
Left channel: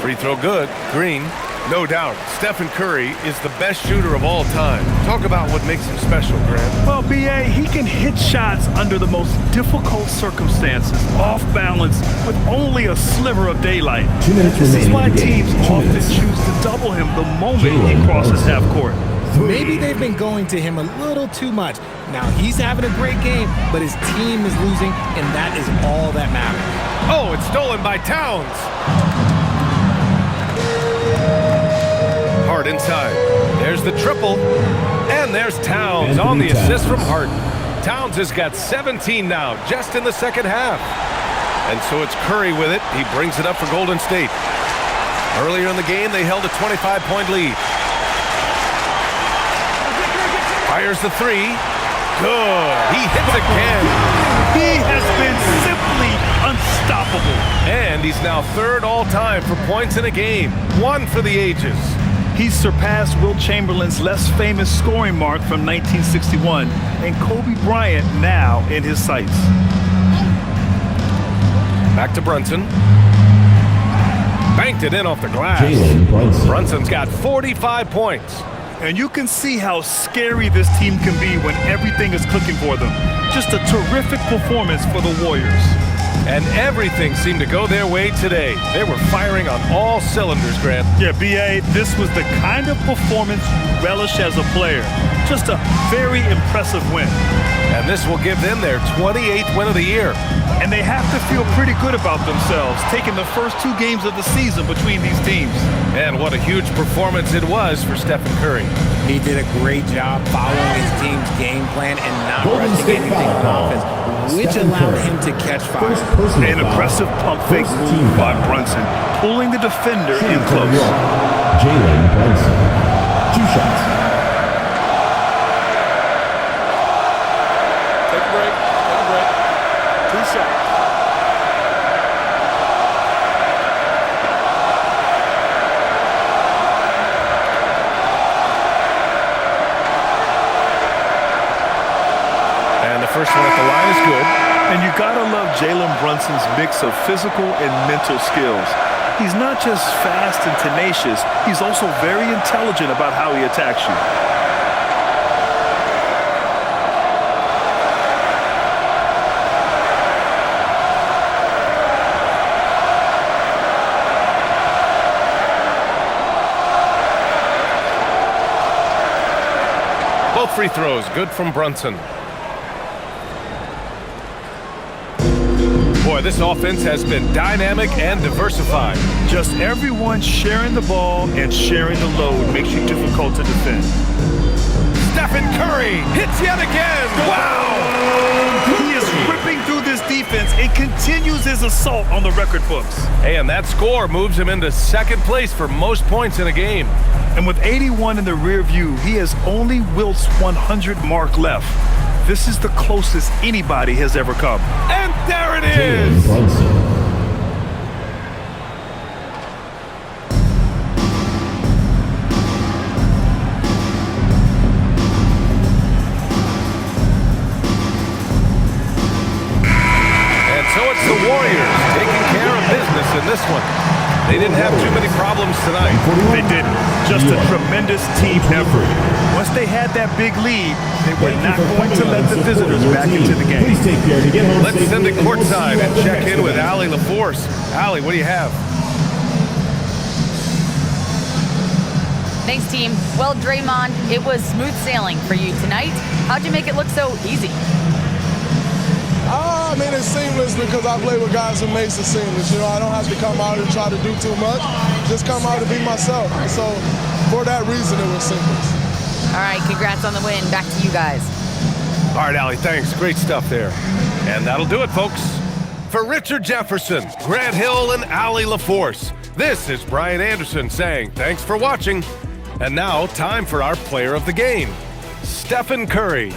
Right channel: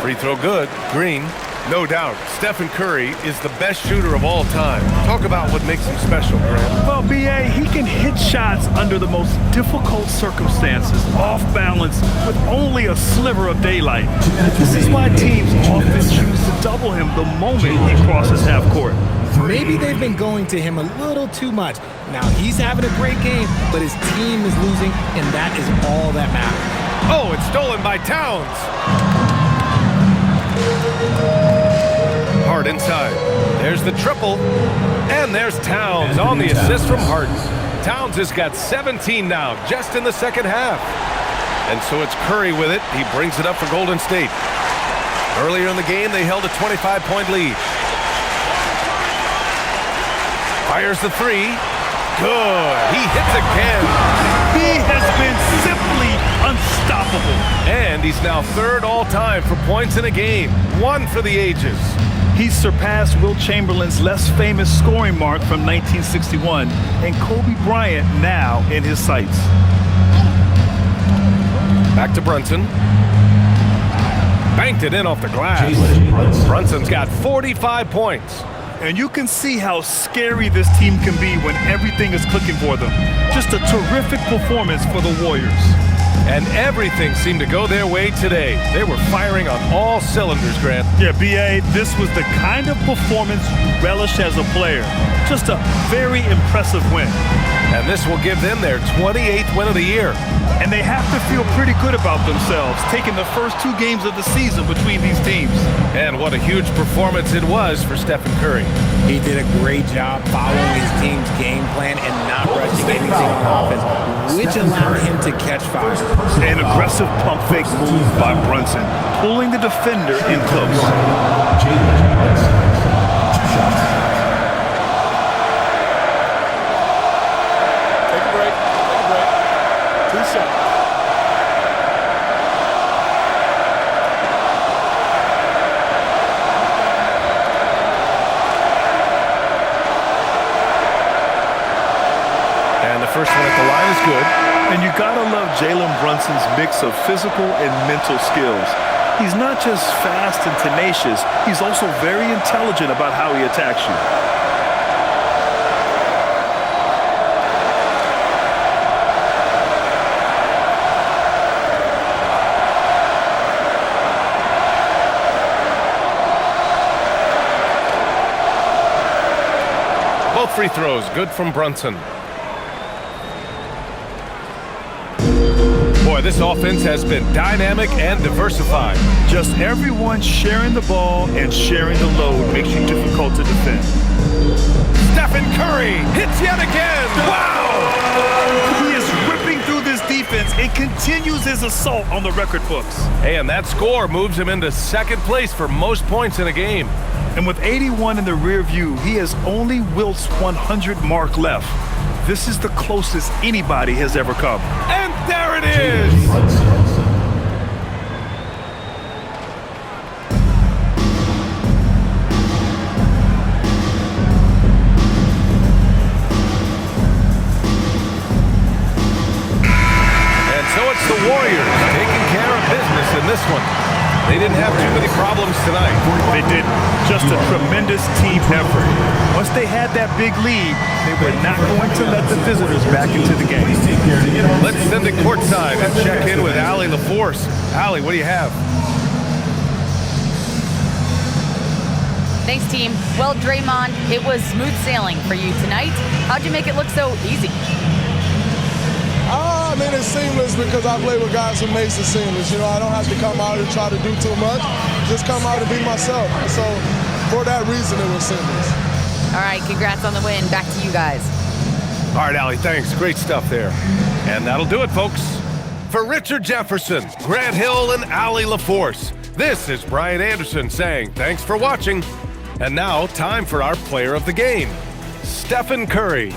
Free throw good. Green. No doubt, Stephen Curry is the best shooter of all time. Talk about what makes him special, Grant. Well, B.A., he can hit shots under the most difficult circumstances, off balance, with only a sliver of daylight. This is why teams often choose to double him the moment he crosses half court. Maybe they've been going to him a little too much. Now, he's having a great game, but his team is losing, and that is all that matters. Oh, it's stolen by Towns. Hart inside. There's the triple. And there's Towns on the assist from Hart. Towns has got 17 now, just in the second half. And so it's Curry with it. He brings it up for Golden State. Earlier in the game, they held a 25-point lead. Fires the three. Good. He hits again. He has been simply unstoppable. And he's now third all-time for points in a game. One for the ages. He's surpassed Wilt Chamberlain's less famous scoring mark from 1961 and Kobe Bryant now in his sights. Back to Brunson. Banked it in off the glass. Brunson's got 45 points. And you can see how scary this team can be when everything is clicking for them. Just a terrific performance for the Warriors. And everything seemed to go their way today. They were firing on all cylinders, Grant. Yeah, B.A., this was the kind of performance you relish as a player. Just a very impressive win. And this will give them their 28th win of the year. And they have to feel pretty good about themselves, taking the first 2 games of the season between these teams. And what a huge performance it was for Stephen Curry. He did a great job following his team's game plan and not rushing anything on offense, which allowed him to catch fire. An aggressive pump fake move by Brunson, pulling the defender in close. Jalen Brunson. 2 shots. Take a break. Take a break. 2 shots. And the first one at the line is good. And you gotta love Jalen Brunson's mix of physical and mental skills. He's not just fast and tenacious, he's also very intelligent about how he attacks you. Both free throws, good from Brunson. Boy, this offense has been dynamic and diversified. Just everyone sharing the ball and sharing the load makes you difficult to defend. Stephen Curry hits yet again. Wow! He is ripping through this defense and continues his assault on the record books. Hey, and that score moves him into second place for most points in a game. And with 81 in the rear view, he has only Wilt's 100 mark left. This is the closest anybody has ever come. And there it is! And so it's the Warriors taking care of business in this one. They didn't have too many problems tonight. They didn't. Just a tremendous team effort. Once they had that big lead, they were not going to let the visitors back into the game. Let's send it courtside and check in with Allie LaForce. Allie, what do you have? Thanks, team. Well, Draymond, it was smooth sailing for you tonight. How'd you make it look so easy? I mean, it's seamless because I play with guys who makes it seamless. You know, I don't have to come out and try to do too much. Just come out and be myself. So for that reason, it was seamless. All right, congrats on the win. Back to you guys. All right, Allie, thanks. Great stuff there. And that'll do it, folks. For Richard Jefferson, Grant Hill, and Allie LaForce, this is Brian Anderson saying thanks for watching. And now, time for our player of the game, Stephen Curry.